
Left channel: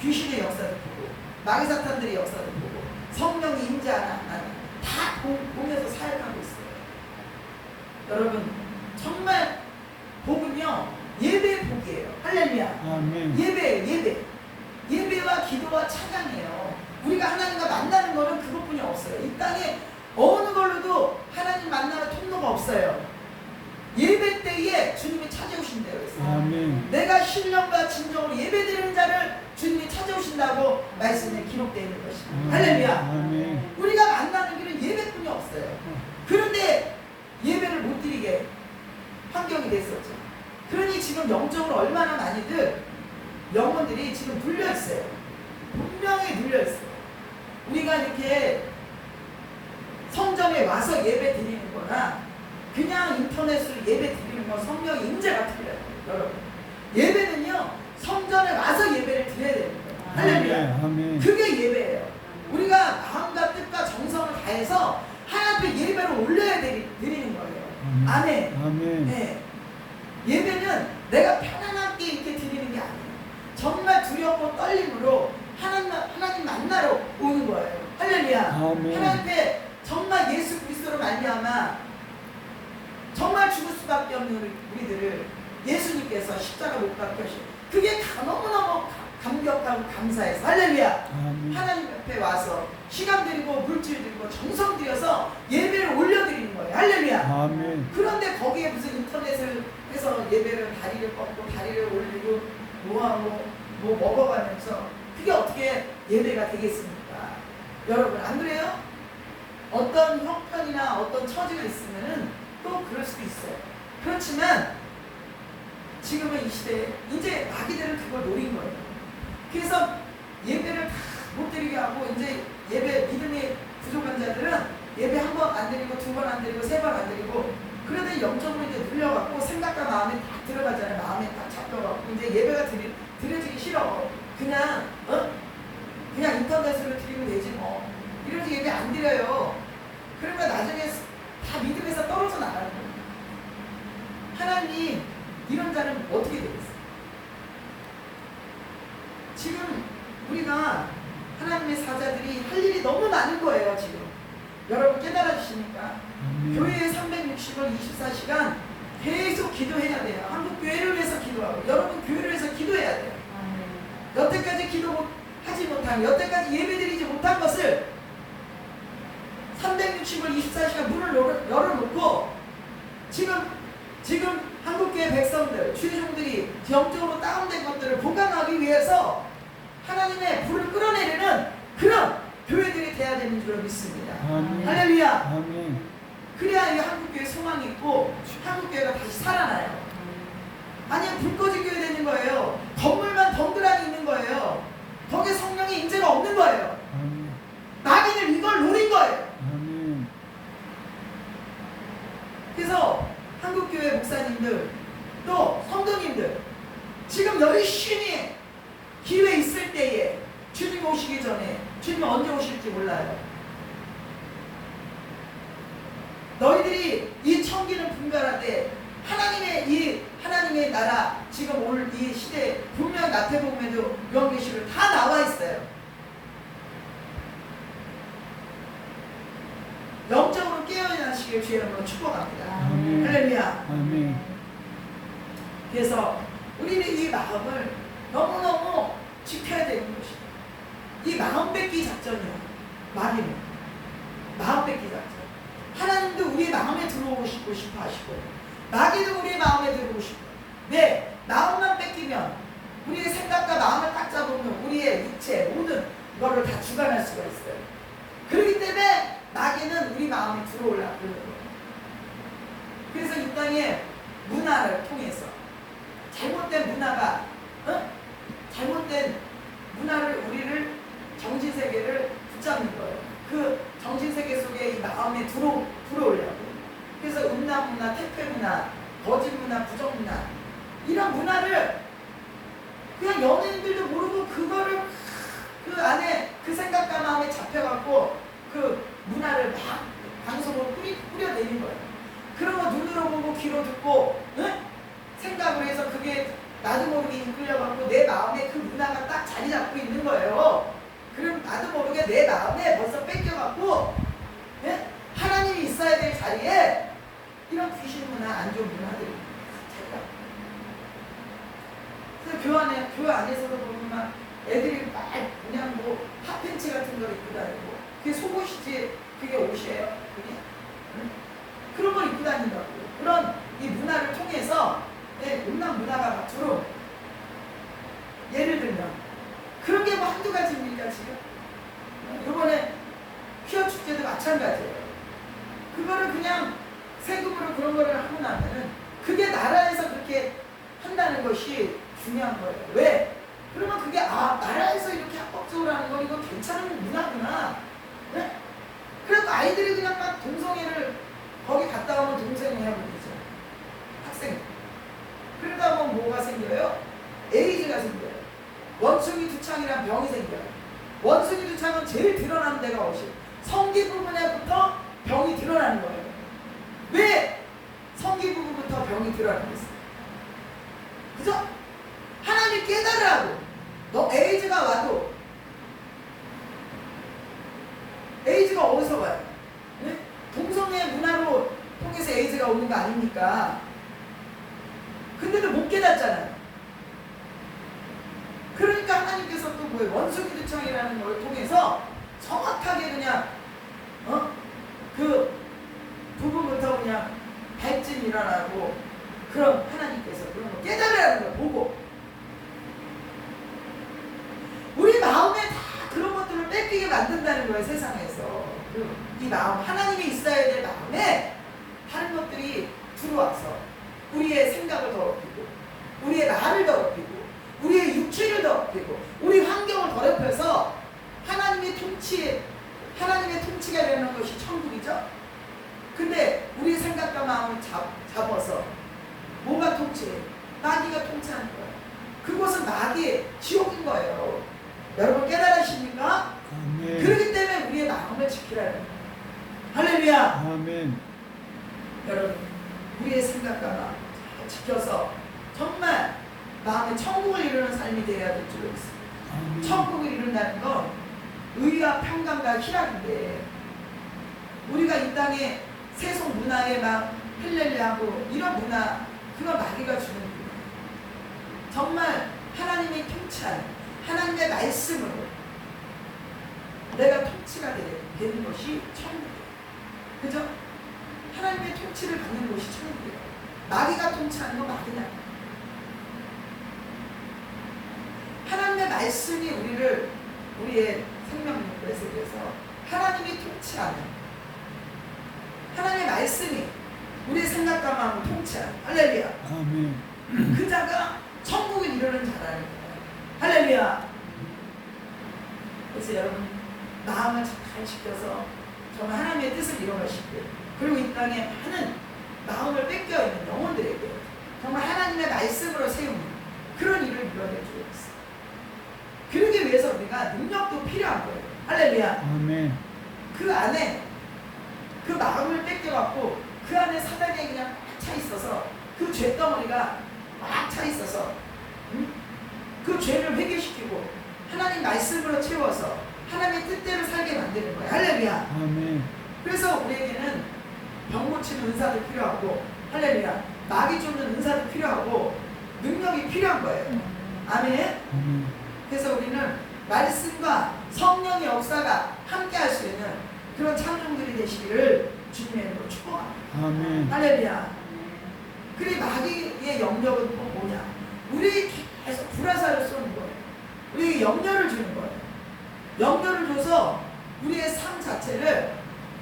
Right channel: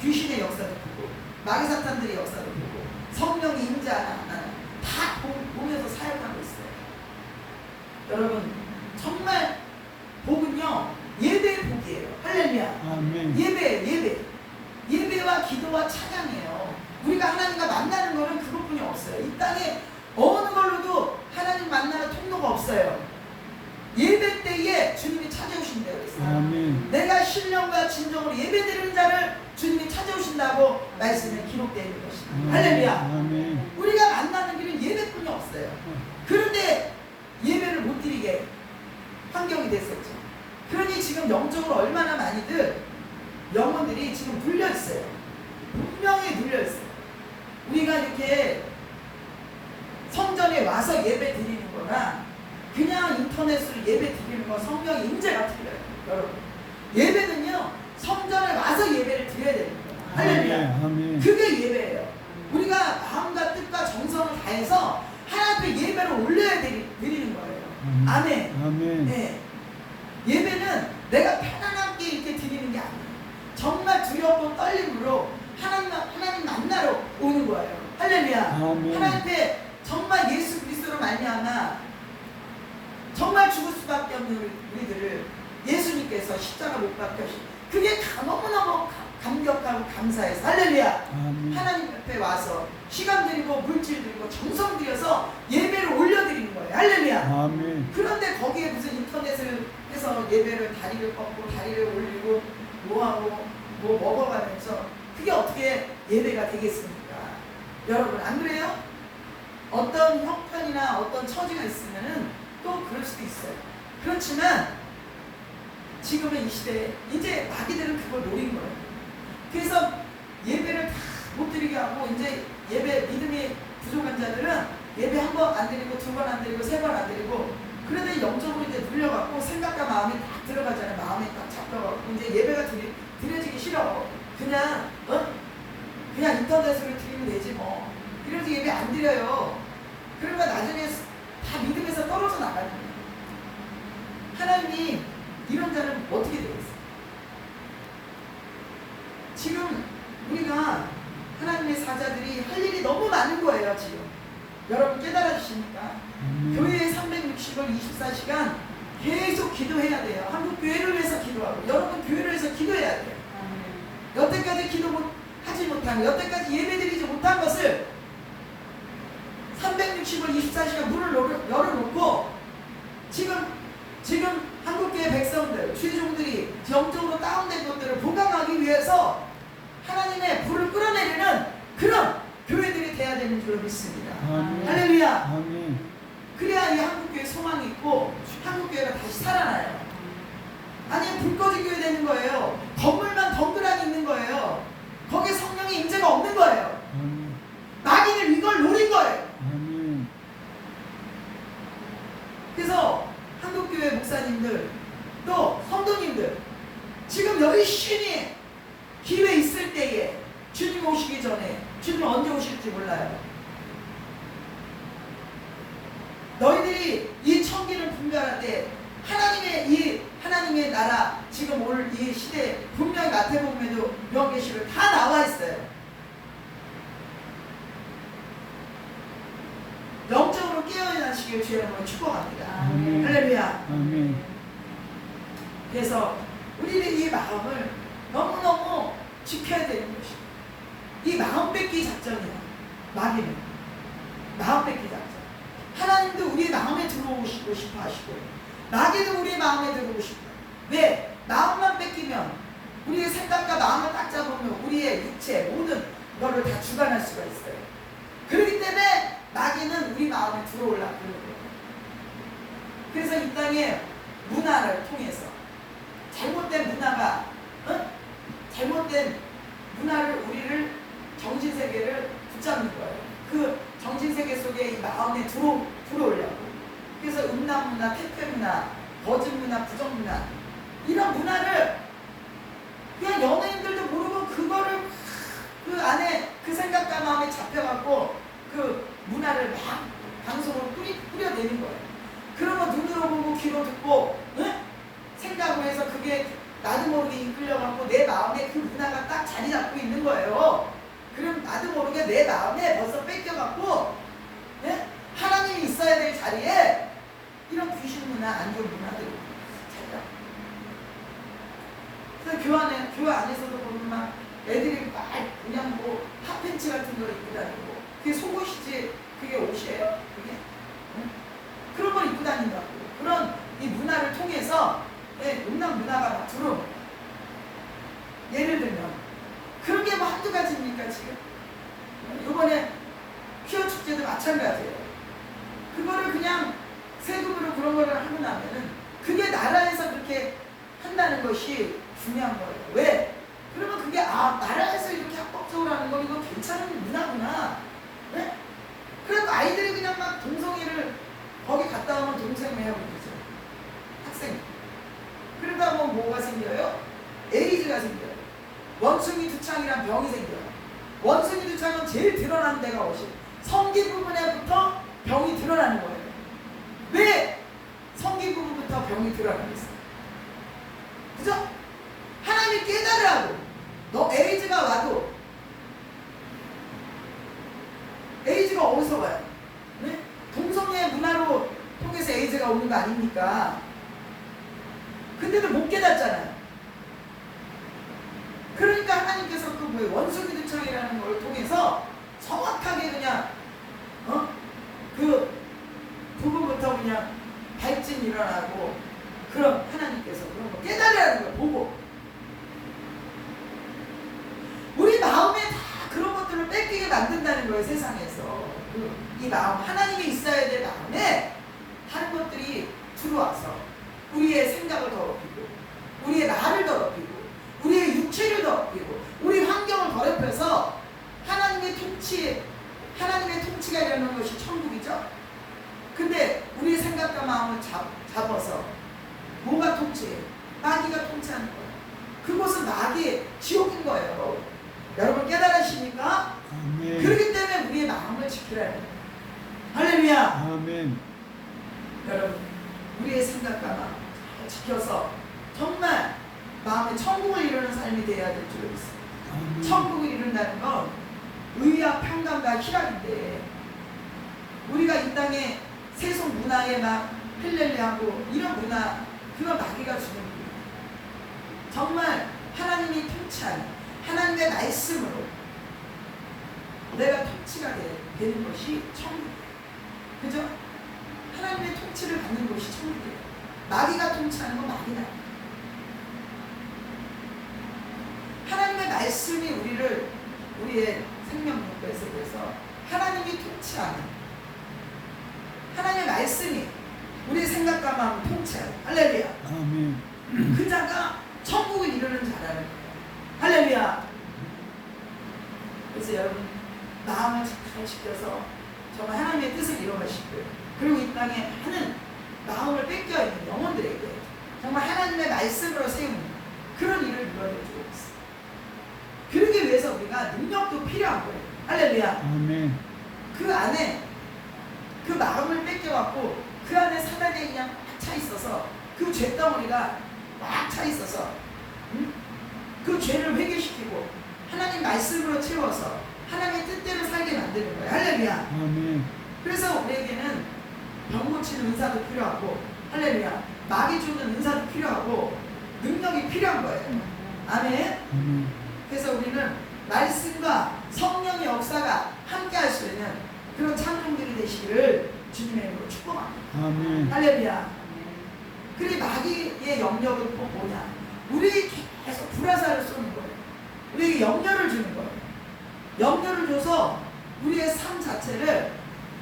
귀신의 역사도 보고 마귀 사탄들의 역사도 보고 성령이 임재하나 안 하나 다 보면서 사역하고 있어요. 여러분 정말 복은요 예배의 복이에요. 할렐루야. 아멘. 예배와 기도와 찬양이에요. 우리가 하나님과 만나는 거는 그것뿐이 없어요. 이 땅에 어느 걸로도 하나님 만나는 통로가 없어요. 예배 때에 주님이 찾아오신다고 그랬어요. 아멘. 내가 신령과 진정으로 예배드리는 자를 주님이 찾아오신다고 말씀에 기록되어 있는 것입니다. 할렐루야. 아멘. 우리가 만나는 길은 예배뿐이 없어요. 그런데 예배를 못 드리게 환경이 됐었죠. 그러니 지금 영적으로 얼마나 많이들 영혼들이 지금 눌려 있어요. 분명히 눌려 있어요. 우리가 이렇게 성전에 와서 예배 드리는 거나 그냥 인터넷으로 예배 드리는 거 성령의 임재가 틀려요. 여러분 예배는요 성전에 와서 예배를 드려야 되는 거예요. 할렐루야. 아멘. 그게 예배예요. 우리가 마음과 뜻과 정성을 다해서 하나님 앞에 예배를 올려야 드리는 거예요. 아멘. 아멘. 네. 예배는 내가 편안하게 이렇게 드리는 게 아니에요. 정말 두렵고 떨림으로 하나님 만나러 오는 거예요. 할렐루야. 아멘. 하나님 앞에 정말 예수 그리스도로 말미암아 정말 죽을 수밖에 없는 우리들을 예수님께서 십자가 못 박혀신 그게 너무너무 감격하고 감사해서 할렐루야. 아멘. 하나님 옆에 와서 시간 들이고 물질 들이고 정성 들여서 예배를 올려드리는 거예요. 할렐루야. 아멘. 그런데 거기에 무슨 인터넷을 해서 예배를 다리를 뻗고 다리를 올리고 뭐하고 뭐 먹어가면서 그게 어떻게 예배가 되겠습니까? 여러분 안 그래요? 어떤 형편이나 어떤 처지가 있으면은 또 그럴 수도 있어요. 그렇지만 지금은 이 시대에 이제 마귀들은 그걸 노린 거예요. 그래서 예배를 다 못 드리게 하고 이제 예배 믿음이 부족한 자들은 예배 한 번 안 드리고 두 번 안 드리고 세 번 안 드리고 그러다 영적으로 이제 눌려갖고 생각과 마음에 딱 들어가잖아요. 마음에 딱 잡혀갖고 이제 예배가 드려지기 싫어. 그냥 그냥 인터넷으로 드리면 되지 뭐. 이러지 예배 안 드려요. 그러면 나중에 다 믿음에서 떨어져 나가는 거예요. 하나님 이런 자는 어떻게 되겠어요? 지금 우리가 하나님의 사자들이 할 일이 너무 많은 거예요. 지금 여러분 깨달아 주십니까? 교회의 360을 24시간 계속 기도해야 돼요. 한국 교회를 위해서 기도하고 여러분 교회를 위해서 기도해야 돼요. 여태까지 하지 못한, 여태까지 예배드리지 못한 것을 360일 24시간 문을 열어놓고 지금 한국교회 백성들, 주의종들이 영적으로 다운된 것들을 보강하기 위해서 하나님의 불을 끌어내리는 그런 교회들이 돼야 되는 줄로 믿습니다. 아멘. 할렐루야. 아멘. 그래야 이 한국교회 소망이 있고 한국교회가 다시 살아나요. 아니면 불 꺼진 교회 되는 거예요. 건물만 덩그러니 있는 거예요. 거기에 성령의 임재가 없는 거예요. 아멘. 마귀는 이걸 노린 거예요. 아멘. 그래서 한국교회 목사님들 또 성도님들 지금 열심히 기회 있을 때에 주님 오시기 전에, 주님 언제 오실지 몰라요. 너희들이 이 청기는 분별할 때 하나님의 나라 지금 올 이 시대 분명히 마태복음에도 요한계시록 다 나와 있어요. 영적으로 깨어나시길 주의 이름으로 축복합니다. 아멘. 할렐루야. 아멘. 그래서 우리는 이 마음을 너무너무 지켜야 되는 것이다. 이 마음 뺏기 작전이야. 마귀는 마음 뺏기 작전. 하나님도 우리의 마음에 들어오고 싶어 하시고요. 마귀도 우리의 마음에 들어오고 싶어요. 왜? 마음만 뺏기면 우리의 생각과 마음을 딱 잡으면 우리의 육체 모든 거를 다 주관할 수가 있어요. 그렇기 때문에 마귀는 우리 마음에 들어오려고 그러는 거예요. 그래서 이 땅의 문화를 통해서 잘못된 문화가 잘못된 문화를 우리를 정신세계를 붙잡는 거예요. 그 정신세계 속에 이 마음에 들어오려고. 그래서 음란 문화, 택배 문화, 거짓 문화, 부정 문화 이런 문화를 그냥 연예인들도 모르고 그거를 그 안에 그 생각과 마음에 잡혀갖고 그 문화를 막 방송으로 뿌려내는 거예요. 그런 거 눈으로 보고 귀로 듣고 생각을 해서 그게 나도 모르게 이끌려갖고 내 마음에 그 문화가 딱 자리 잡고 있는 거예요. 그럼 나도 모르게 내 마음에 벌써 뺏겨갖고 하나님이 있어야 될 자리에 이런 귀신 문화, 안 좋은 문화들이 자리 잡고. 그래서 교회 안에서도 보면 막 애들이 막 그냥 뭐 핫팬츠 같은 걸 입고 다니고 그게 속옷이지 그게 옷이에요? 그게? 그런 걸 입고 다닌다고. 그런 이 문화를 통해서 음란 문화가 막 들어오는 거예요. 예를 들면 그런 게 뭐 한두 가지입니까 지금? 이번에 퀴어 축제도 마찬가지예요. 그거를 그냥 세금으로 그런 거를 하고 나면은 그게 나라에서 그렇게 한다는 것이 중요한 거예요. 왜? 그러면 그게 나라에서 이렇게 합법적으로 하는 거 이거 괜찮은 문화구나. 네? 그래서 아이들이 그냥 막 동성애를 거기 갔다 오면 동성애하고 그러죠. 학생. 그러다 보면 뭐가 생겨요? 에이즈가 생겨요. 원숭이 두창이란 병이 생겨요. 원숭이 두창은 제일 드러나는 데가 어디? 성기 부분에부터 병이 드러나는 거예요. 왜? 성기 부분부터 병이 드러나고 있어요. 그죠? 하나님 깨달으라고. 너 에이즈가 와도 에이즈가 어디서 와요? 네? 동성애 문화로 통해서 에이즈가 오는 거 아닙니까? 근데도 못 깨닫잖아요. 그러니까 하나님께서 그 뭐예요? 원숭이 두창이라는 걸 통해서 정확하게 그냥 그 부분부터 그냥 발진이 일어나고 그런 하나님께서 그런 거 깨달으라는 걸 보고 우리 마음에 다 그런 것들을 뺏기게 만든다는 거예요. 세상에서 이 마음 하나님이 있어야 될 마음에 다른 것들이 들어와서 우리의 생각을 더럽히고 우리의 말을 더럽히고 우리의 육체를 더럽히고 우리 환경을 더럽혀서 하나님의 통치가 이라는 것이 천국이죠. 근데 우리의 생각과 마음을 잡아서 뭐가 통치해? 마귀가 통치하는 거예요. 그곳은 마귀의 지옥인 거예요. 여러분 깨달으십니까? 아멘. 그렇기 때문에 우리의 마음을 지키라는 거예요. 할렐루야. 아멘. 여러분 우리의 생각과 마음 잘 지켜서 정말 마음에 천국을 이루는 삶이 되어야 될 줄로 믿습니다. 아멘. 천국을 이룬다는 건 의와 평강과 희락인데 우리가 이 땅에 세속 문화에 막 할렐루야하고 이런 문화, 그건 마귀가 주는 문화. 정말 하나님이 통치한 하나님의 말씀으로 내가 통치가 되는 것이 천국이에요. 그죠? 하나님의 통치를 받는 것이 천국이에요. 마귀가 통치하는 건 마귀나. 하나님의 말씀이 우리의 생명력에서 하나님이 통치하는, 하나님의 말씀이 우리의 생각과 마음을 통치하는, 할렐루야. 아멘. 그 자가 천국을 이루는 자라는 거예요. 할렐루야. 그래서 여러분 마음을 잘 지켜서 정말 하나님의 뜻을 이뤄가시고, 그리고 이 땅에 많은 마음을 뺏겨 있는 영혼들에게 정말 하나님의 말씀으로 세우는 그런 일을 이루어낼 줄 있어요. 그러기 위해서 우리가 능력도 필요한 거예요. 할렐루야. 아멘. 그 안에 그 마음을 뺏겨갖고 그 안에 사단이 그냥 꽉 차 있어서, 그 죄덩어리가 꽉 차 있어서 그 죄를 회개시키고 하나님 말씀으로 채워서 하나님의 뜻대로 살게 만드는 거예요. 할렐루야. 아멘. 그래서 우리에게는 병 고치는 은사도 필요하고, 할렐루야, 마귀 쫓는 은사도 필요하고 능력이 필요한 거예요. 아멘. 아멘. 그래서 우리는 말씀과 성령의 역사가 함께 할 수 있는 그런 창조물이 되시기를 주님의 이름으로 축복합니다. 아멘. 할렐루야. 그리 마귀의 영역은 또 뭐냐? 우리 계속 불화살을 쏘는 거예요. 우리에게 영열을 주는 거예요. 영열을 줘서 우리의 삶 자체를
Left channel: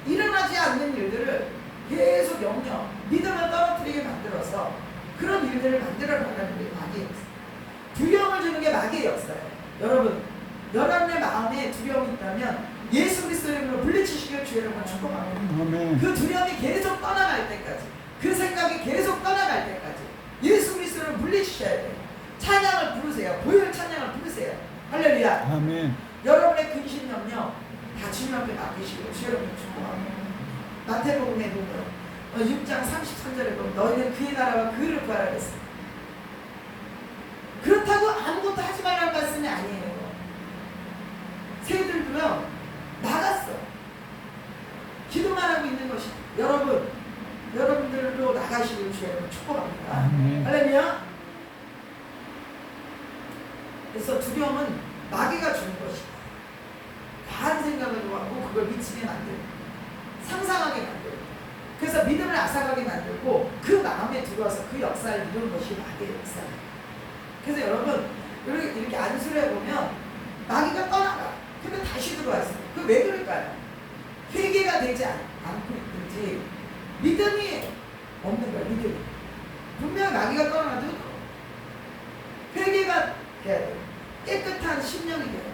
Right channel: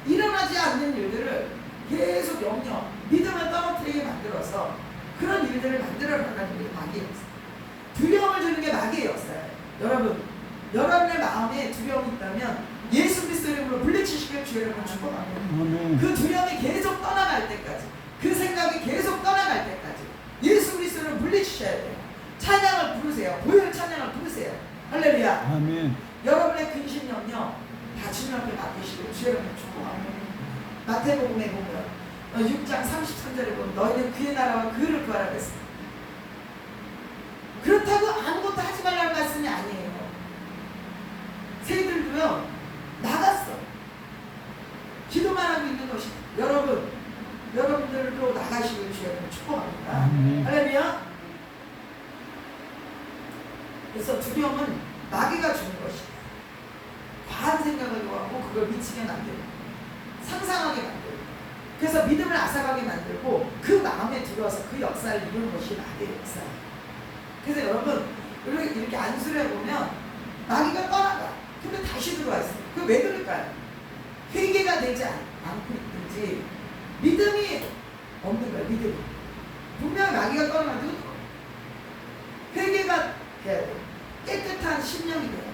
일어나지 않는 일들을 계속 영역, 믿음을 떨어뜨리게 만들어서 그런 일들을 만들어 나가는 게 마귀의 역사. 두려움을 주는 게 마귀의 역사예요. 여러분, 여러분의 마음에 두려움이 있다면 예수 그리스도 이름으로 물리치시길 주의 이름으로 축복합니다. 아멘. 그 두려움이 계속 떠나갈 때까지, 그 생각이 계속 떠나갈 때까지 예수 그리스도를 물리치셔야 돼요. 찬양을 부르세요. 보혈 찬양을 부르세요. 할렐루야. 아멘. 여러분의 근심 영역 다 주님 앞에 맡기시고 주의 이름으로 축복합니다. 마태복음에 보면 6장 33절에 보면 너희는 그의 나라와 그를 구하라 그랬습니다. 그렇다고 아무것도 하지 말라는 말씀이 아니에요. 새들도요 나갔어. 기도만 하고 있는 것이, 여러분들도 나가시고 주여 축복합니다. 할렐루야. 그래서 두려움은 마귀가 주는 것이 과한 생각을 하고 그걸 미치게 만들고 상상하게 만들고, 그래서 믿음을 앗아가게 만들고 그 마음에 들어와서 그 역사를 이루는 것이 마귀의 역사예요. 그래서 여러분 이렇게 안수를 해보면 마귀가 떠나가. 근데 다시 들어와 있어요. 그게 왜 그럴까요? 회개가 되지 않고 있든지 믿음이 없는 거예요. 믿음이. 분명히 마귀가 떠나가도 회개가 돼야 돼요. 깨끗한 심령이 돼요.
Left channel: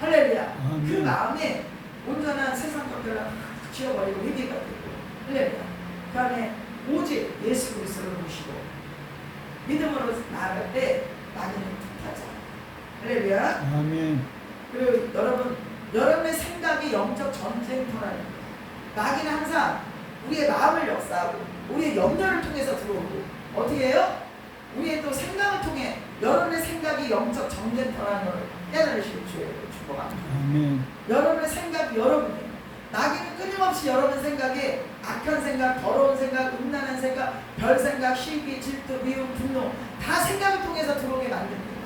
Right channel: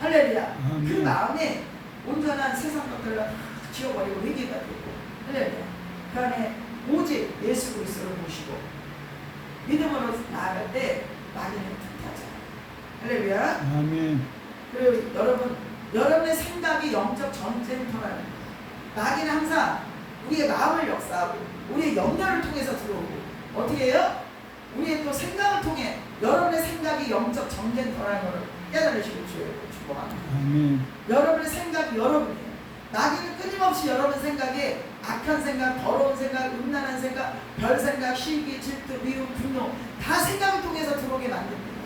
할렐루야. 그 마음에 온전한 세상 것들을 지워버리고 회개가 되고, 할렐루야. 그 안에 오직 예수 그리스도를 모시고 믿음으로 나아갈 때 마귀는 뜻하죠. 할렐루야. 아멘. 그리고 여러분의 생각이 영적 전쟁터라는 거예요. 마귀는 항상 우리의 마음을 역사하고 우리의 영역을 통해서 들어오고, 어떻게 해요? 우리의 또 생각을 통해 여러분의 생각이 영적 전쟁터라는 걸 깨달으시고 주여 축복합니다. 아멘. 여러분의 생각이 여러분이에요. 마귀는 끊임없이 여러분 생각에 악한 생각, 더러운 생각, 음란한 생각, 별 생각, 시기, 질투, 미움, 분노 다 생각을 통해서 들어오게 만듭니다.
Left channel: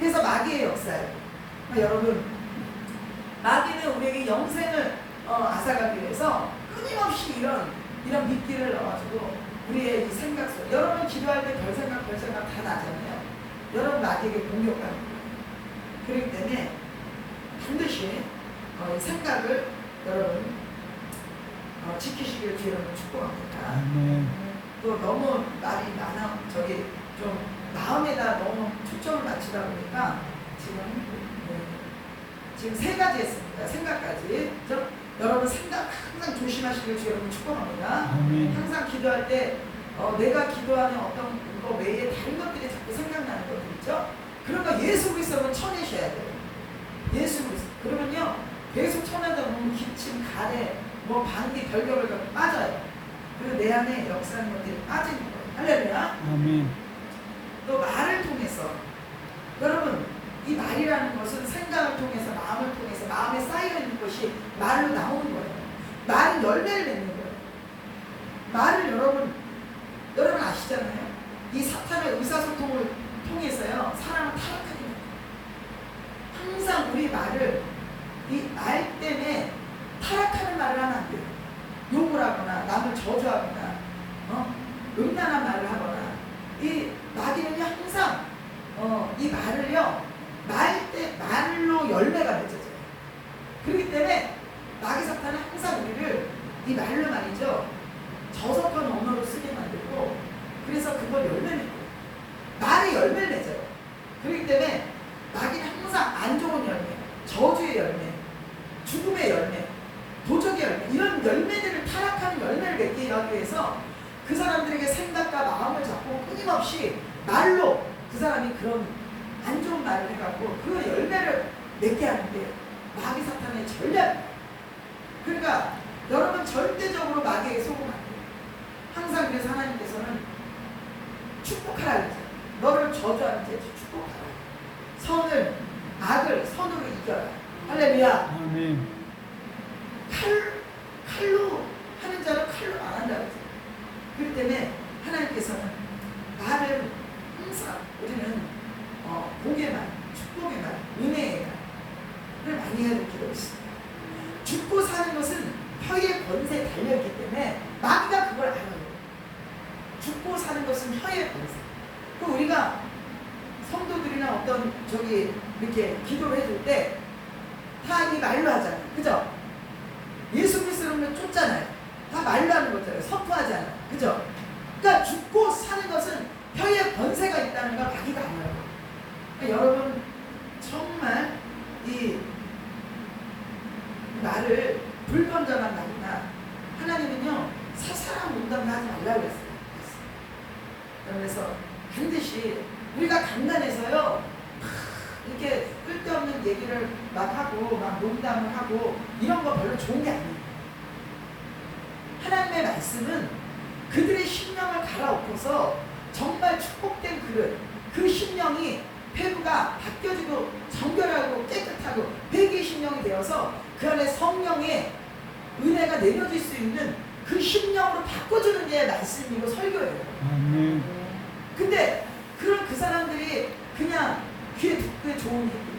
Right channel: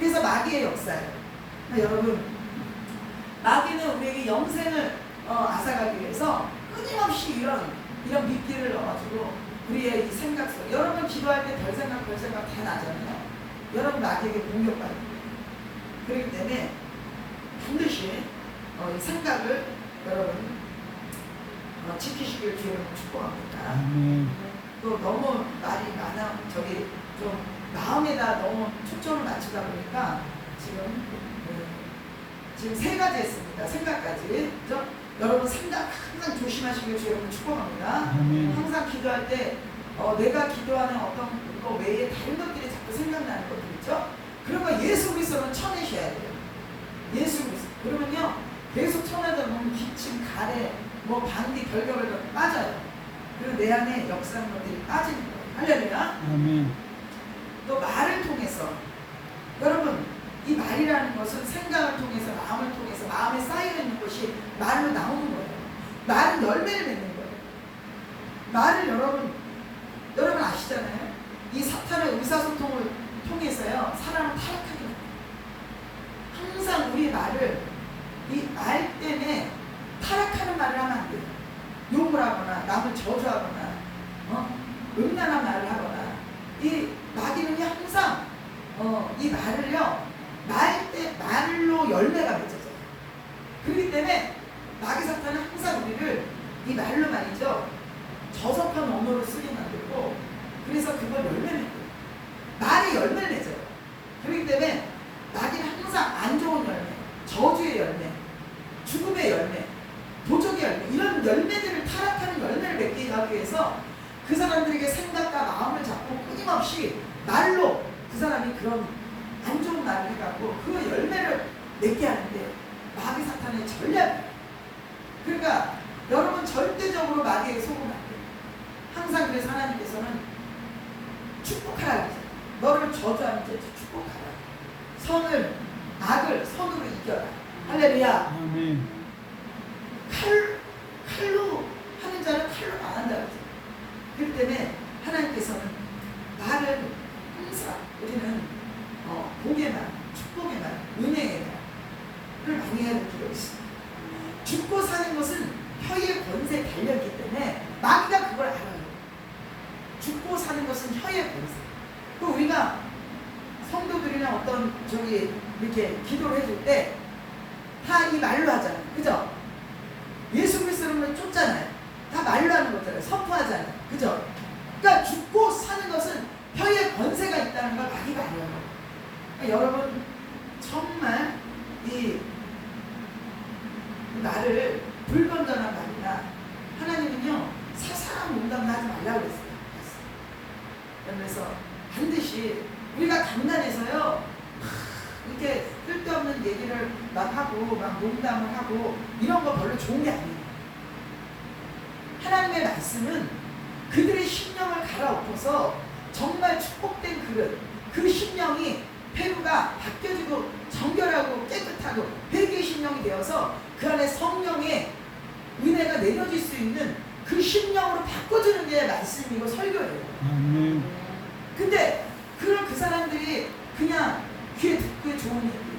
그래서 마귀의 역사예요. 여러분, 마귀는 우리에게 영생을 앗아가기 위해서 끊임없이 이런 미끼를 넣어가지고 우리의 이 생각 속, 여러분 기도할 때 별 생각 다 나잖아요. 여러분 마귀에게 공격받는 거예요. 그렇기 때문에 반드시 이 생각을 여러분 지키시길 주의 이름으로 축복합니다. 아멘. 또 너무 말이 많아, 좀 마음에다 너무 초점을 맞추다 보니까 지금 세 가지 했습니다. 생각까지. 그렇죠? 여러분 생각 항상 조심하시길 주의 이름으로 축복합니다. 아멘. 항상 기도할 때 내가 기도하는 어떤 거 외에 다른 것들이 자꾸 생각나는 것들 있죠? 그런 거 예수 그리스도는 쳐내셔야 돼요. 예수 그리스도. 그러면요 계속 쳐내다 보면 기침, 가래, 방귀, 별별별 빠져요. 그리고 내 안에 역사하는 것들이 빠지는 거예요. 할렐루야. 아멘. 또 말을 통해서, 여러분 이 말이라는 것은 생각을 통해서, 마음을 통해서, 마음에 쌓여있는 것이 말로 나오는 거예요. 말은 열매를 맺는 거예요. 말을 여러분 아시잖아요. 이 사탄의 의사소통을 통해서요 사람을 타락하게 합니다. 항상 우리 말을 이 말 때문에 타락하는 말을 하면 안 돼요. 욕을 하거나 남을 저주하거나 음란한 말을 하거나 이 마귀는요 항상 이 말을요 말로 열매가 맺어져요. 그렇기 때문에 마귀 사탄은 항상 우리를 이 말로 말이죠 저속한 언어로 쓰게 만들고 그래서 그걸 열매 맺고 말이 열매를 맺어요. 그렇기 때문에 마귀는 항상 안 좋은 열매, 저주의 열매, 죽음의 열매, 도적의 열매 이런 열매들을 타락하는 열매를 맺게 하기 위해서 그 사람들에게 생각과 마음을 잡고 끊임없이 말로 그 사람이 그런 안 좋은 말을 해갖고 그 열매를 맺게 하는데 마귀 사탄의 전략이에요. 그러니까 여러분 절대적으로 마귀에게 속으면 안 돼요. 항상 그래서 하나님께서는 축복하라고 했어요. 너를 저주하는 죄 축복하라. 악을 선으로 이겨라. 할렐루야. 아멘. 칼로 하는 자는 칼로 망한다 그랬어요. 그렇기 때문에 하나님께서는 말을 항상 우리는 복의 말, 축복의 말, 은혜의 말을 많이 해볼 필요가 있습니다. 죽고 사는 것은 혀의 권세에 달려있기 때문에 마귀가 그걸 알아요. 죽고 사는 것은 혀의 권세. 그럼 우리가 성도들이나 어떤 이렇게 기도를 해줄 때 다 이 말로 하잖아요. 그죠? 예수 그리스도를 쫓잖아요. 다 말로 하는 거잖아요. 선포하잖아요. 그죠? 그러니까 죽고 사는 것은 혀의 권세가 있다는 걸 마귀가 알아요. 그러니까 여러분 정말 이 말을 불건전한 말이나 하나님은요 살살한 농담을 하지 말라고 그랬어요. 그래서 반드시 우리가 강단에서요 이렇게 쓸데없는 얘기를 막 하고 막 농담을 하고 이런 거 별로 좋은 게 아니에요. 하나님의 말씀은 그들의 심령을 갈아엎어서 정말 축복된 그릇, 그 심령이 폐부가 바뀌어지고 정결하고 깨끗하고 회개의 심령이 되어서 그 안에 성령의 은혜가 내려질 수 있는 그 심령으로 바꿔주는 게 말씀이고 설교예요. 아멘. 근데 그 사람들이 그냥 귀에 듣기에 좋은 얘기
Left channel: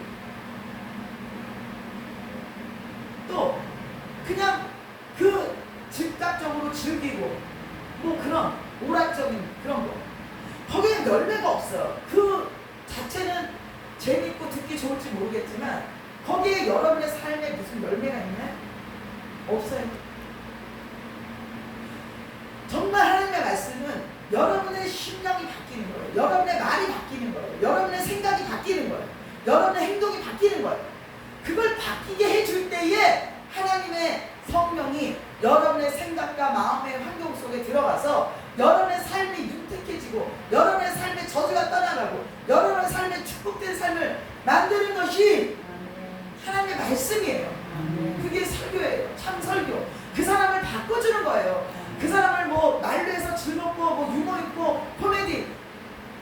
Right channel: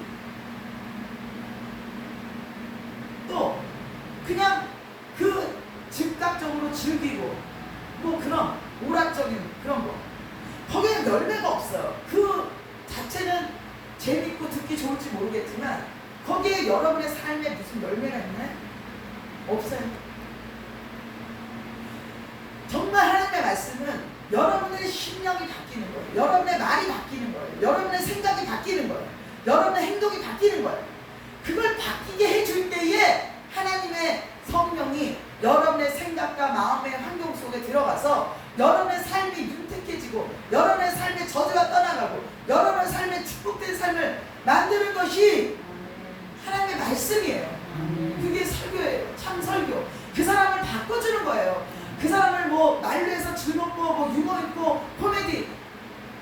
또 그냥 그 즉각적으로 즐기고 뭐 그런 오락적인 그런 거 거기엔 열매가 없어요. 그 자체는 재밌고 듣기 좋을지 모르겠지만 거기에 여러분의 삶에 무슨 열매가 있나요? 없어요. 정말 하나님의 말씀은 여러분의 심령이 바뀌는 거예요. 여러분의 말이 바뀌는 거예요. 여러분의 생각이 바뀌는 거예요. 여러분의 행동이 바뀌는 거예요. 그걸 바뀌게 해줄 때에 하나님의 성령이 여러분의 생각과 마음의 환경 속에 들어가서 여러분의 삶이 윤택해지고 여러분의 삶의 저주가 떠나가고 여러분의 삶의 축복된 삶을 만드는 것이 하나님의 말씀이에요. 그게 설교예요. 참 설교. 그 사람을 바꿔주는 거예요. 그 사람을 뭐 말로 해서 즐겁고 뭐 유머 있고 코미디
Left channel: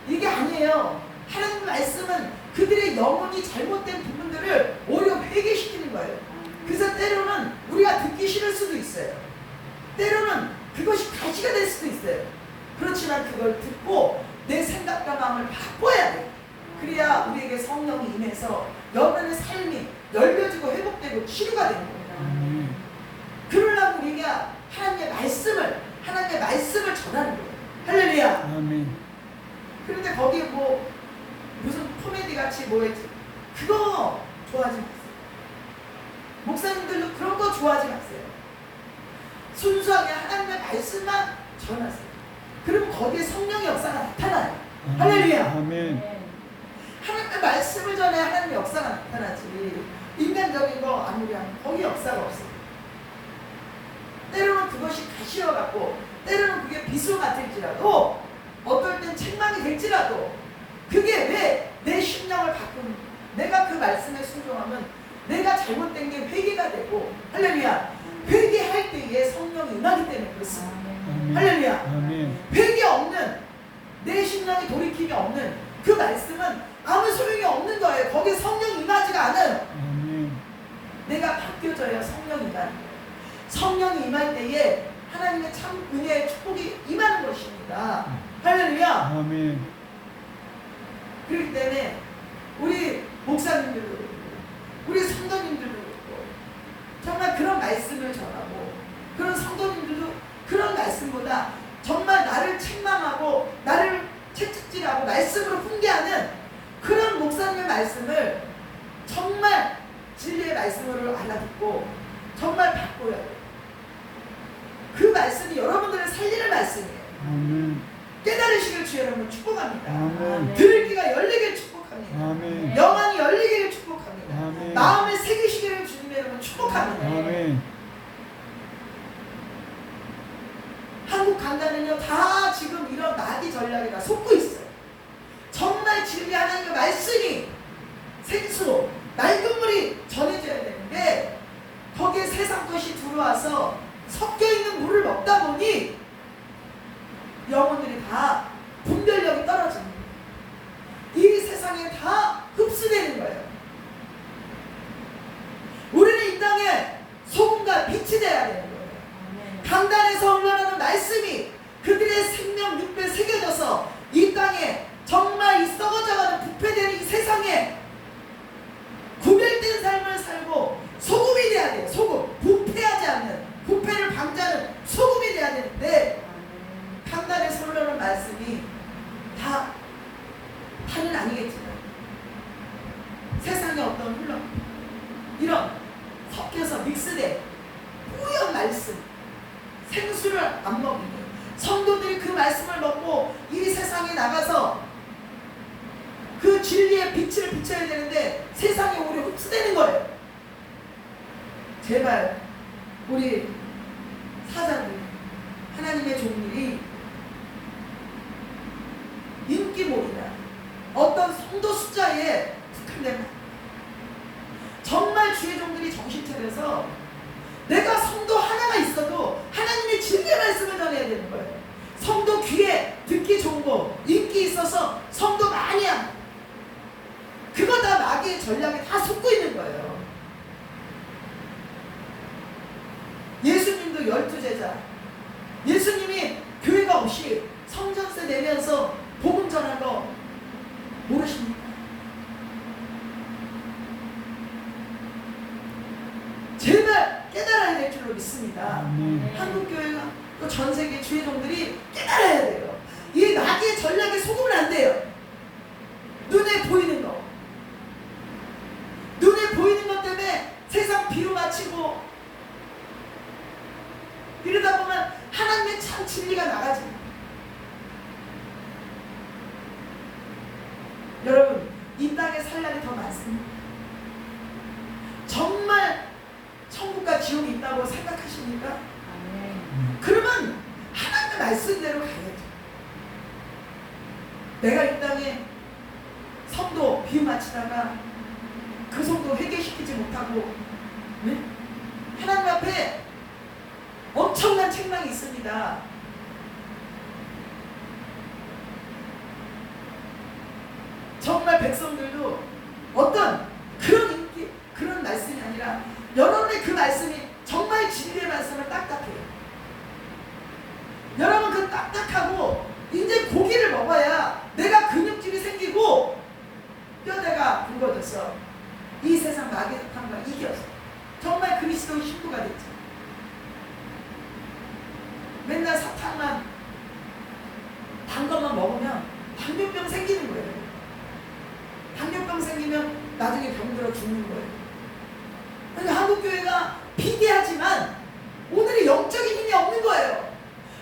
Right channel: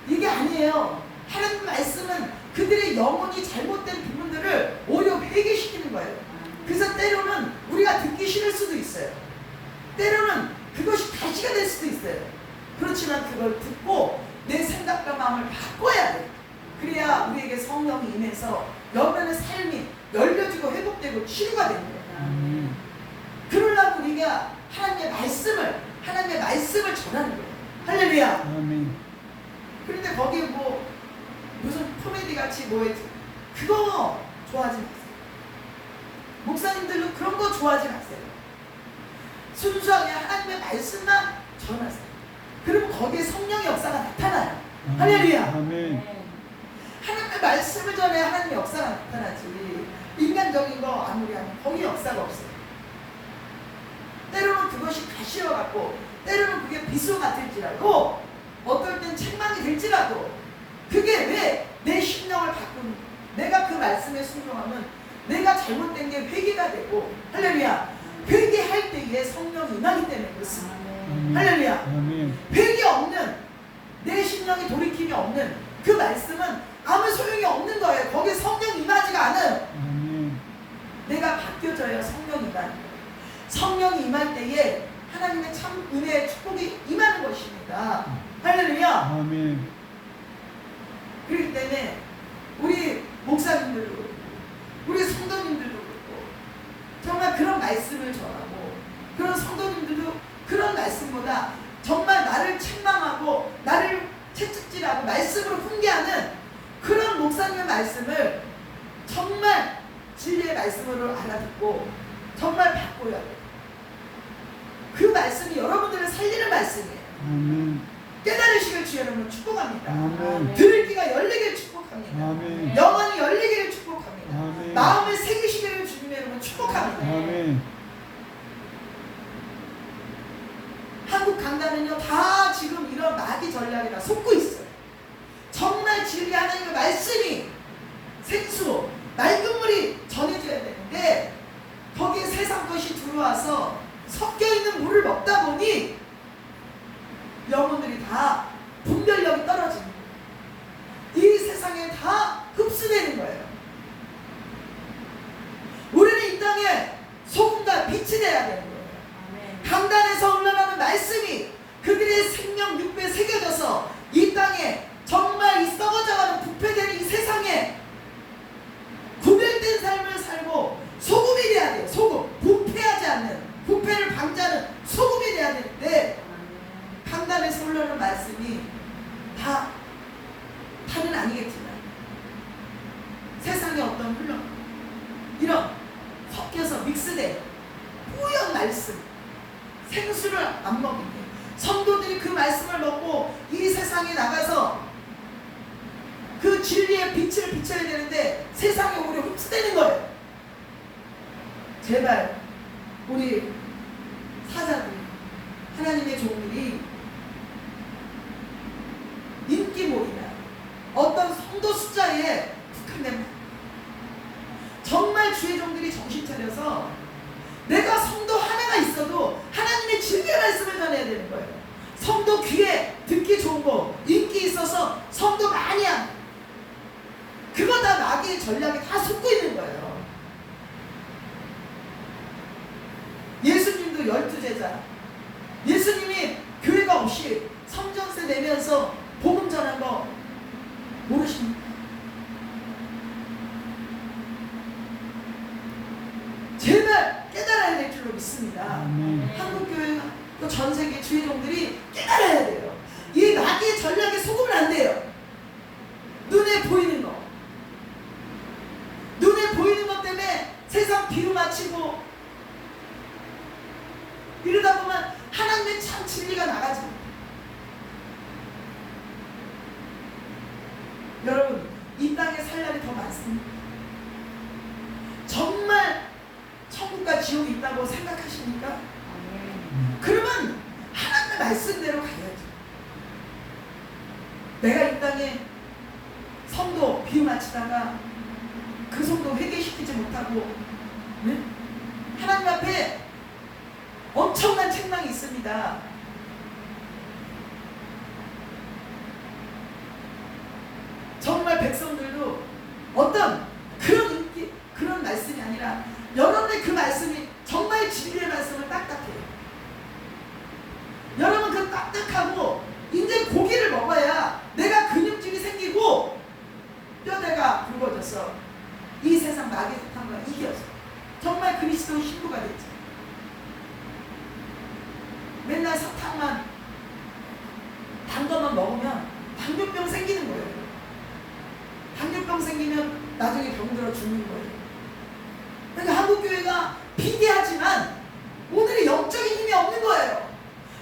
이게 아니에요. 하나님 말씀은 그들의 영혼이 잘못된 부분들을 오히려 회개시키는 거예요. 그래서 때로는 우리가 듣기 싫을 수도 있어요. 때로는 그것이 가시가 될 수도 있어요. 그렇지만 그걸 듣고 내 생각과 마음을 바꿔야 돼요. 그래야 우리에게 성령이 임해서 여러분의 삶이 열려지고 회복되고 치유가 되는 거예요. 그러려고 우리가 하나님의 말씀을 전하는 거예요. 할렐루야. 아멘. 그런데 거기 뭐 무슨 코미디 같이 뭐였지? 그거 좋아하지 마세요. 목사님들도 그런 거 좋아하지 마세요. 순수하게 하나님의 말씀만 전하세요. 그럼 거기에 성령의 역사가 나타나요. 할렐루야. 아멘. 하나님의 말씀을 전해 하나님의 역사가 나타나지 인간적인 거 아무리 하면 거기 역사가 없어요. 때로는 그것이 가시어갖고 때로는 그게 비수 같을지라도 어떨 땐 책망이 될지라도 그게 왜 내 심령을 바꾸는 거야. 내가 그 말씀에 순종하면 내가 잘못된 게 회개가 되고 할렐루야. 회개할 때에 성령이 임하기 때문에 그렇습니다. 할렐루야. 아멘. 회개 없는 내 심령이 돌이킴이 없는 그 말씀은 아무 소용이 없는 거예요. 거기에 성령이 임하지가 않아요. 아멘. 내가 바뀌어져야 성령이 임하는 거예요. 성령이 임할 때에 하나님의 참 은혜의 축복이 임하는 것입니다. 할렐루야. 아멘. 그렇기 때문에 우리 목사님들도 그렇고 우리 성도님들도 그렇고 정말 그런 말씀을 전하고 그런 성도님들도 그런 말씀보다 정말 나를 책망하고 나를 채찍질하고 말씀으로 훈계하는 그런 목사님의 말씀을 정말 진리의 말씀으로 알아듣고 정말 바꿔야 돼요. 그 말씀이 여러분들을 살리는 말씀이에요. 아멘. 깨달으시길 주 여러분 축복합니다. 아멘. 들을 귀가 열리길 축복합니다. 아멘. 영안이 열리기를 축복합니다. 아멘. 마음을 새기시기를 주님의 여러분 축복합니다. 아멘. 한국 강단은요 다 지금 이런 마귀 전략이라 속고 있어요. 정말 진리 하나님의 말씀이 생수 맑은 물이 전해져야 되는데 거기에 세상 것이 들어와서 섞여있는 물을 먹다 보니 영혼들이 다 분별력이 떨어지는 거예요. 이 세상에 다 흡수되는 거예요. 우리는 이 땅에 소금과 빛이 되어야 되는 거예요. 강단에서 흘러나오는 말씀이 그들의 생명 육배에 새겨져서 이 땅에 정말 이 썩어져가는 부패되는 이 세상에 구별된 삶을 살고 소금이 돼야 돼요. 소금. 부패하지 않는, 부패를 방지하는 소금이 돼야 되는데 강단에서 흘러나오는 말씀이 다는 아니겠지만 세상에 어떤 흘러 이런 섞여서 믹스된 뿌연 말씀 생수를 안 먹이니 성도들이 그 말씀을 먹고 이 세상에 나가서 그 진리의 빛을 비춰야 되는데 세상에 오히려 흡수되는 거예요. 제발 우리 사자들 하나님의 종들이 인기몰이나 어떤 성도 숫자에 국한된 말 정말 주의 종들이 정신 차려서 내가 성도 하나가 있어도 하나님의 진리의 말씀을 전해야 되는 거예요. 성도 귀에 듣기 좋은 거 인기 있어서 성도 많이 하고 그거 다 마귀의 전략이 다 속고 있는 거예요. 예수님도 12제자 예수님이 교회가 없이 성전세 내면서 복음 전한 거 모르십니까? 제발 깨달아야 될 줄로 믿습니다. 한국교회가 또 전세계 주의 종들이 깨달아야 돼요. 이 마귀의 전략에 속으면 안 돼요. 눈에 보이는 거 눈에 보이는 것 때문에 세상 비로 맞히고 이러다 보면 하나님의 참 진리가 나가죠. 여러분 이 땅에 살 날이 더 많습니다. 정말 천국과 지옥이 있다고 생각하십니까? 그러면 하나님의 말씀대로 가야죠. 내가 이 땅에 성도 비유 맞추다가 그 성도 회개시키지 못하고 네? 하나님 앞에 엄청난 책망이 있습니다. 정말 백성들도 어떤 그런 인기, 그런 말씀이 아니라 여러분의 그 말씀이 정말 진리의 말씀을 딱딱해요. 여러분 그 딱딱하고 이제 고기를 먹어야 내가 근육질이 생기고 뼈대가 굵어져서 이 세상 마귀의 사탄과 이겨서 정말 그리스도의 신부가 됐죠. 맨날 사탕만 단 것만 먹으면 당뇨병 생기는 거예요. 당뇨병 생기면 나중에 병들어 죽는 거예요. 그러니까 한국교회가 비대하지만 오늘의 영적인 힘이 없는 거예요.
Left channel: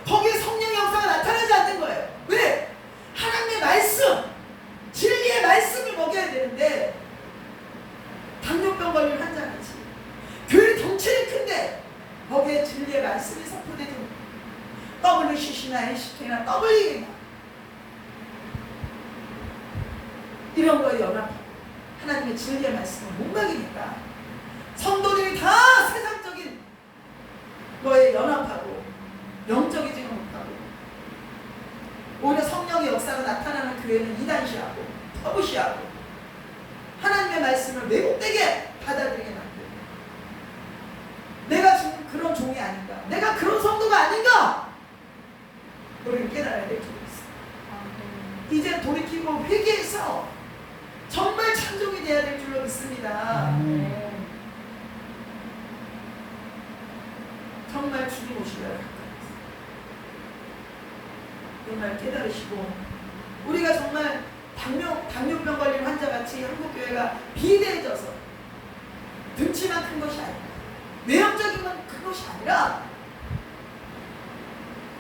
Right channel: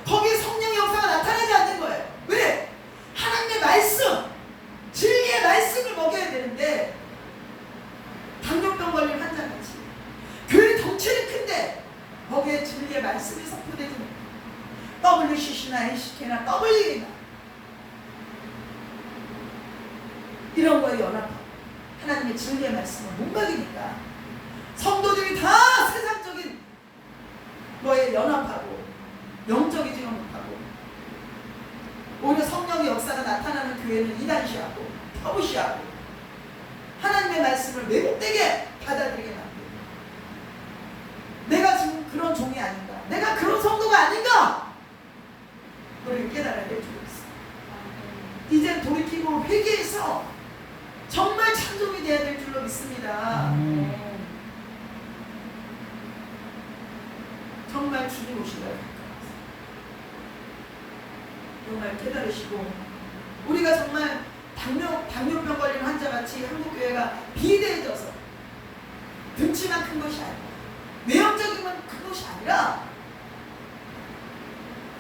거기에 성령의 역사가 나타나지 않는 거예요. 왜? 하나님의 말씀, 진리의 말씀을 먹여야 되는데 당뇨병 걸린 환자같이 교회 덩치는 큰데 거기에 진리의 말씀이 선포되지 못해요. WCC나 NCK나 WE나 이런 거에 연합하고 하나님의 진리의 말씀을 못 먹이니까 성도들이 다 세상적인 거에 연합하고 영적이지가 못하고 오히려 성령의 역사가 나타나는 교회는 이단시하고 터부시하고 하나님의 말씀을 왜곡되게 받아들이게 만들고 내가 지금 그런 종이 아닌가, 내가 그런 성도가 아닌가 정말 깨달으시고 우리가 정말 당뇨병 걸린 환자같이 한국교회가 비대해져서 등치만 큰 것이 아니라 외형적인만 큰 것이 아니라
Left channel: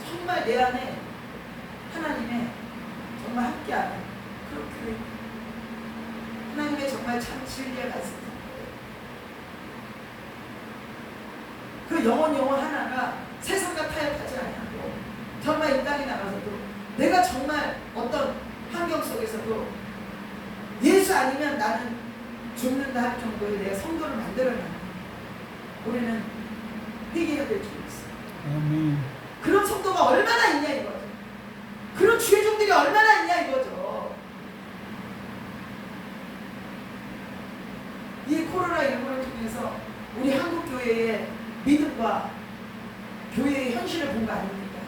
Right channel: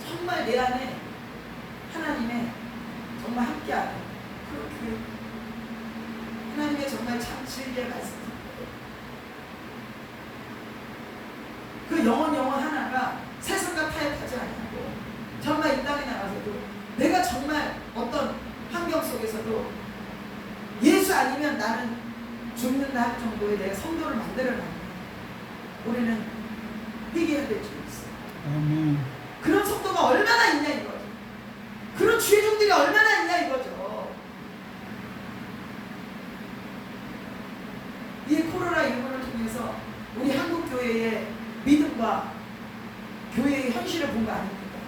정말 내 안에 하나님의 정말 함께하는 그 하나님의 정말 참 진리의 말씀, 그 영혼 하나가 세상과 타협하지 않고 정말 이 땅에 나가서도 내가 정말 어떤 환경 속에서도 예수 아니면 나는 죽는다 할 정도의 내가 성도를 만들어내는 우리는 회개해야 될 줄 있어요. 아멘. 그런 성도가 얼마나 있냐 이거죠. 그런 죄종들이 얼마나 있냐 이거죠. 이 코로나19를 통해서 우리 한국교회의 믿음과 교회의 현실을 본 거 아닙니까?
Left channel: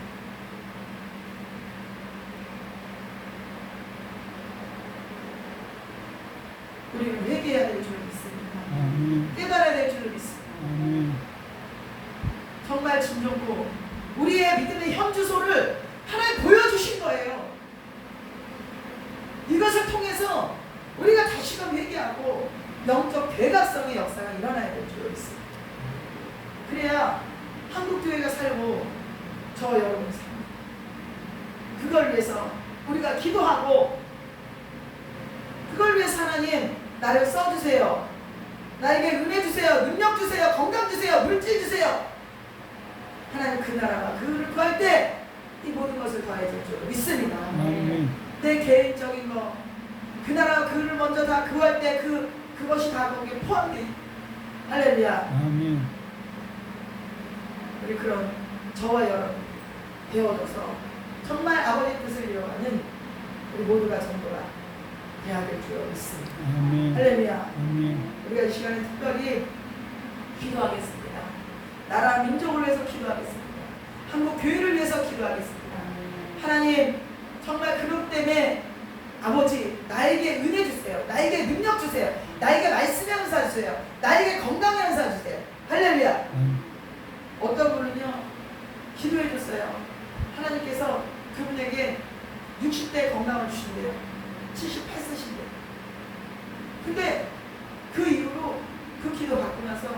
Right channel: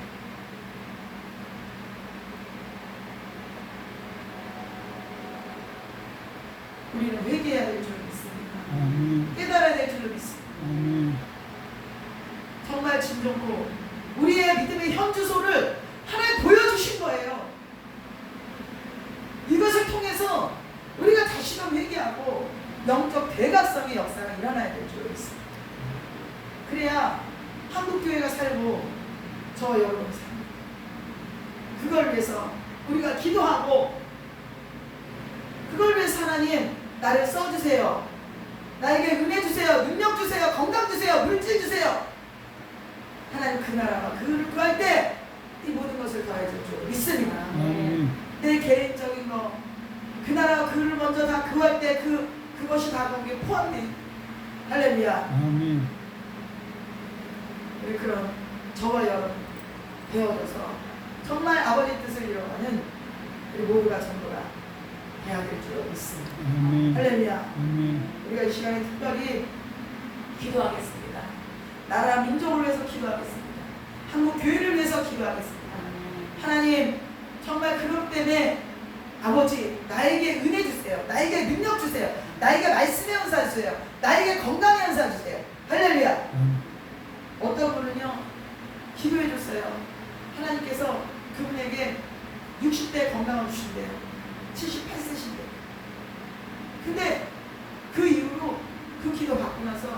우리는 회개해야 될 줄 믿습니다. 아멘. 깨달아야 될 줄 믿습니다. 아멘. 정말 진정고 우리의 믿음의 현주소를 하나님 보여주신 거예요. 이것을 통해서 우리가 다시금 회개하고 영적 대각성의 역사가 일어나야 될 줄 믿습니다. 그래야 한국교회가 살고 저 여러분 살고 그걸 위해서 우리가 기도하고 그걸 위해서 하나님 나를 써주세요. 나에게 은혜 주세요. 능력 주세요. 건강 주세요. 물질 주세요. 하나님 그 나라가 그를 구할 때 이 모든 것을 더해 줄 줄 믿습니다. 아멘. 내 개인적인 거 그 나라가 그를 먼저 다 구할 때 그것이 다 거기에 포함돼. 할렐루야. 아멘. 우리 그런 저와 여러분 배워줘서 정말 아버지 뜻을 이뤄가는 우리 모두가 전부가 돼야 될 줄 믿습니다. 아멘. 할렐루야. 아멘. 우리가 이 시간에 특별히 기도하겠습니다. 나라 민족을 위해서 기도하겠습니다. 한국 교회를 위해서 기도하겠습니다. 하나님 정말 그것 때문에 아버지 나에게 은혜 주세요. 나에게 능력 주세요. 나에게 말씀의 은사 주세요. 나에게 건강의 은사 주세요. 할렐루야. 어떤 분은요 기도해 줬어요. 하나님께서 그분에게 60대 건강을 주신대요. 78세신데. 근데 그 이후로 그 기도 받고 나서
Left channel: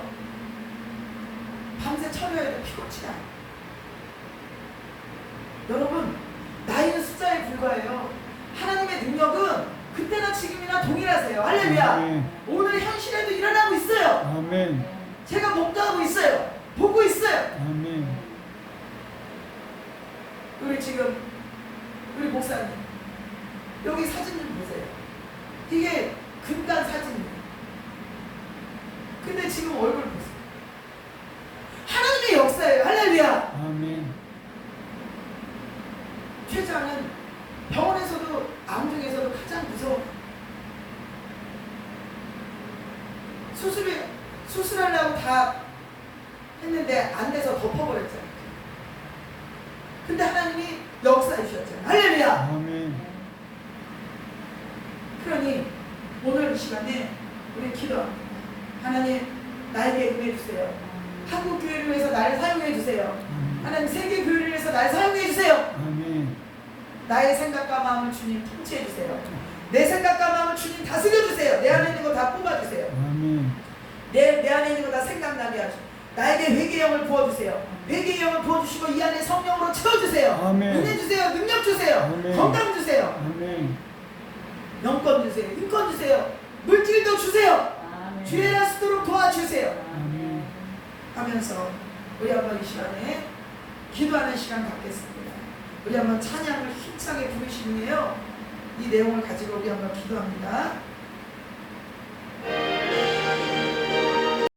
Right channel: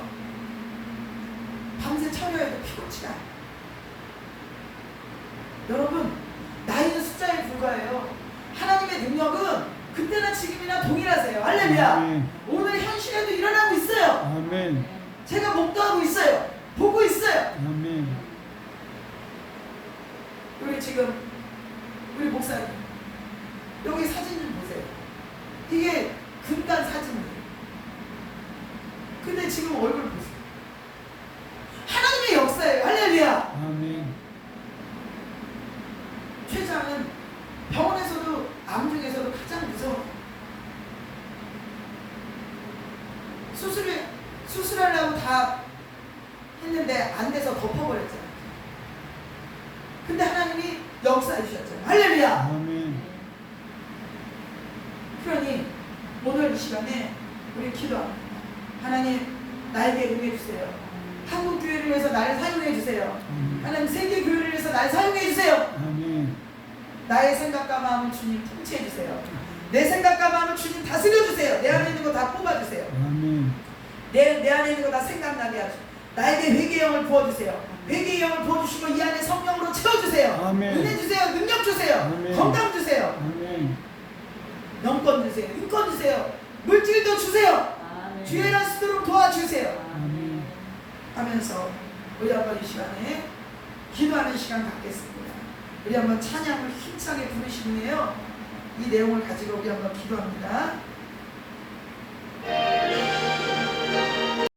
밤새 철야에도 피곤치가 않아요. 여러분 나이는 숫자에 불과해요. 하나님의 능력은 그때나 지금이나 동일하세요. 할렐루야. 아멘. 오늘 현실에도 일어나고 있어요. 아멘. 제가 목도하고 있어요. 보고 있어요. 아멘. 우리 지금 우리 목사님 여기 사진 좀 보세요. 이게 근간 사진이에요. 근데 지금 얼굴 보세요. 하나님의 역사예요. 할렐루야. 아멘. 췌장은 병원에서도 암 중에서도 가장 무서워. 수술하려고 다 했는데 안 돼서 덮어버렸잖아요. 근데 하나님이 역사해 주셨잖아요. 할렐루야. 아멘. 그러니 오늘 이 시간에 우리 기도합니다. 하나님 나에게 은혜 주세요. 한국 교회를 위해서 나를 사용해 주세요. 하나님 세계 교회를 위해서 나를 사용해 주세요. 아멘. 나의 생각과 마음을 주님 통치해 주세요. 내 생각과 마음을 주님 다스려 주세요. 내 안에 있는 거 다 뽑아 주세요. 아멘. 내 안에 있는 거 다 생각나게 하시고 나에게 회개의 영을 부어주세요. 회개의 영을 부어주시고 이 안에 성령으로 채워주세요. 아멘. 은혜 주세요. 능력 주세요. 아멘. 건강 주세요. 아멘. 영권 주세요. 인권 주세요. 물질도 주세요. 주의 날 쓰도록 도와주세요. 아멘. 하면서 우리 한번 이 시간에 기도하는 시간 갖겠습니다. 우리 한번 찬양을 힘차게 부르신 후에요. 이 내용을 가지고 우리 한번 기도합니다.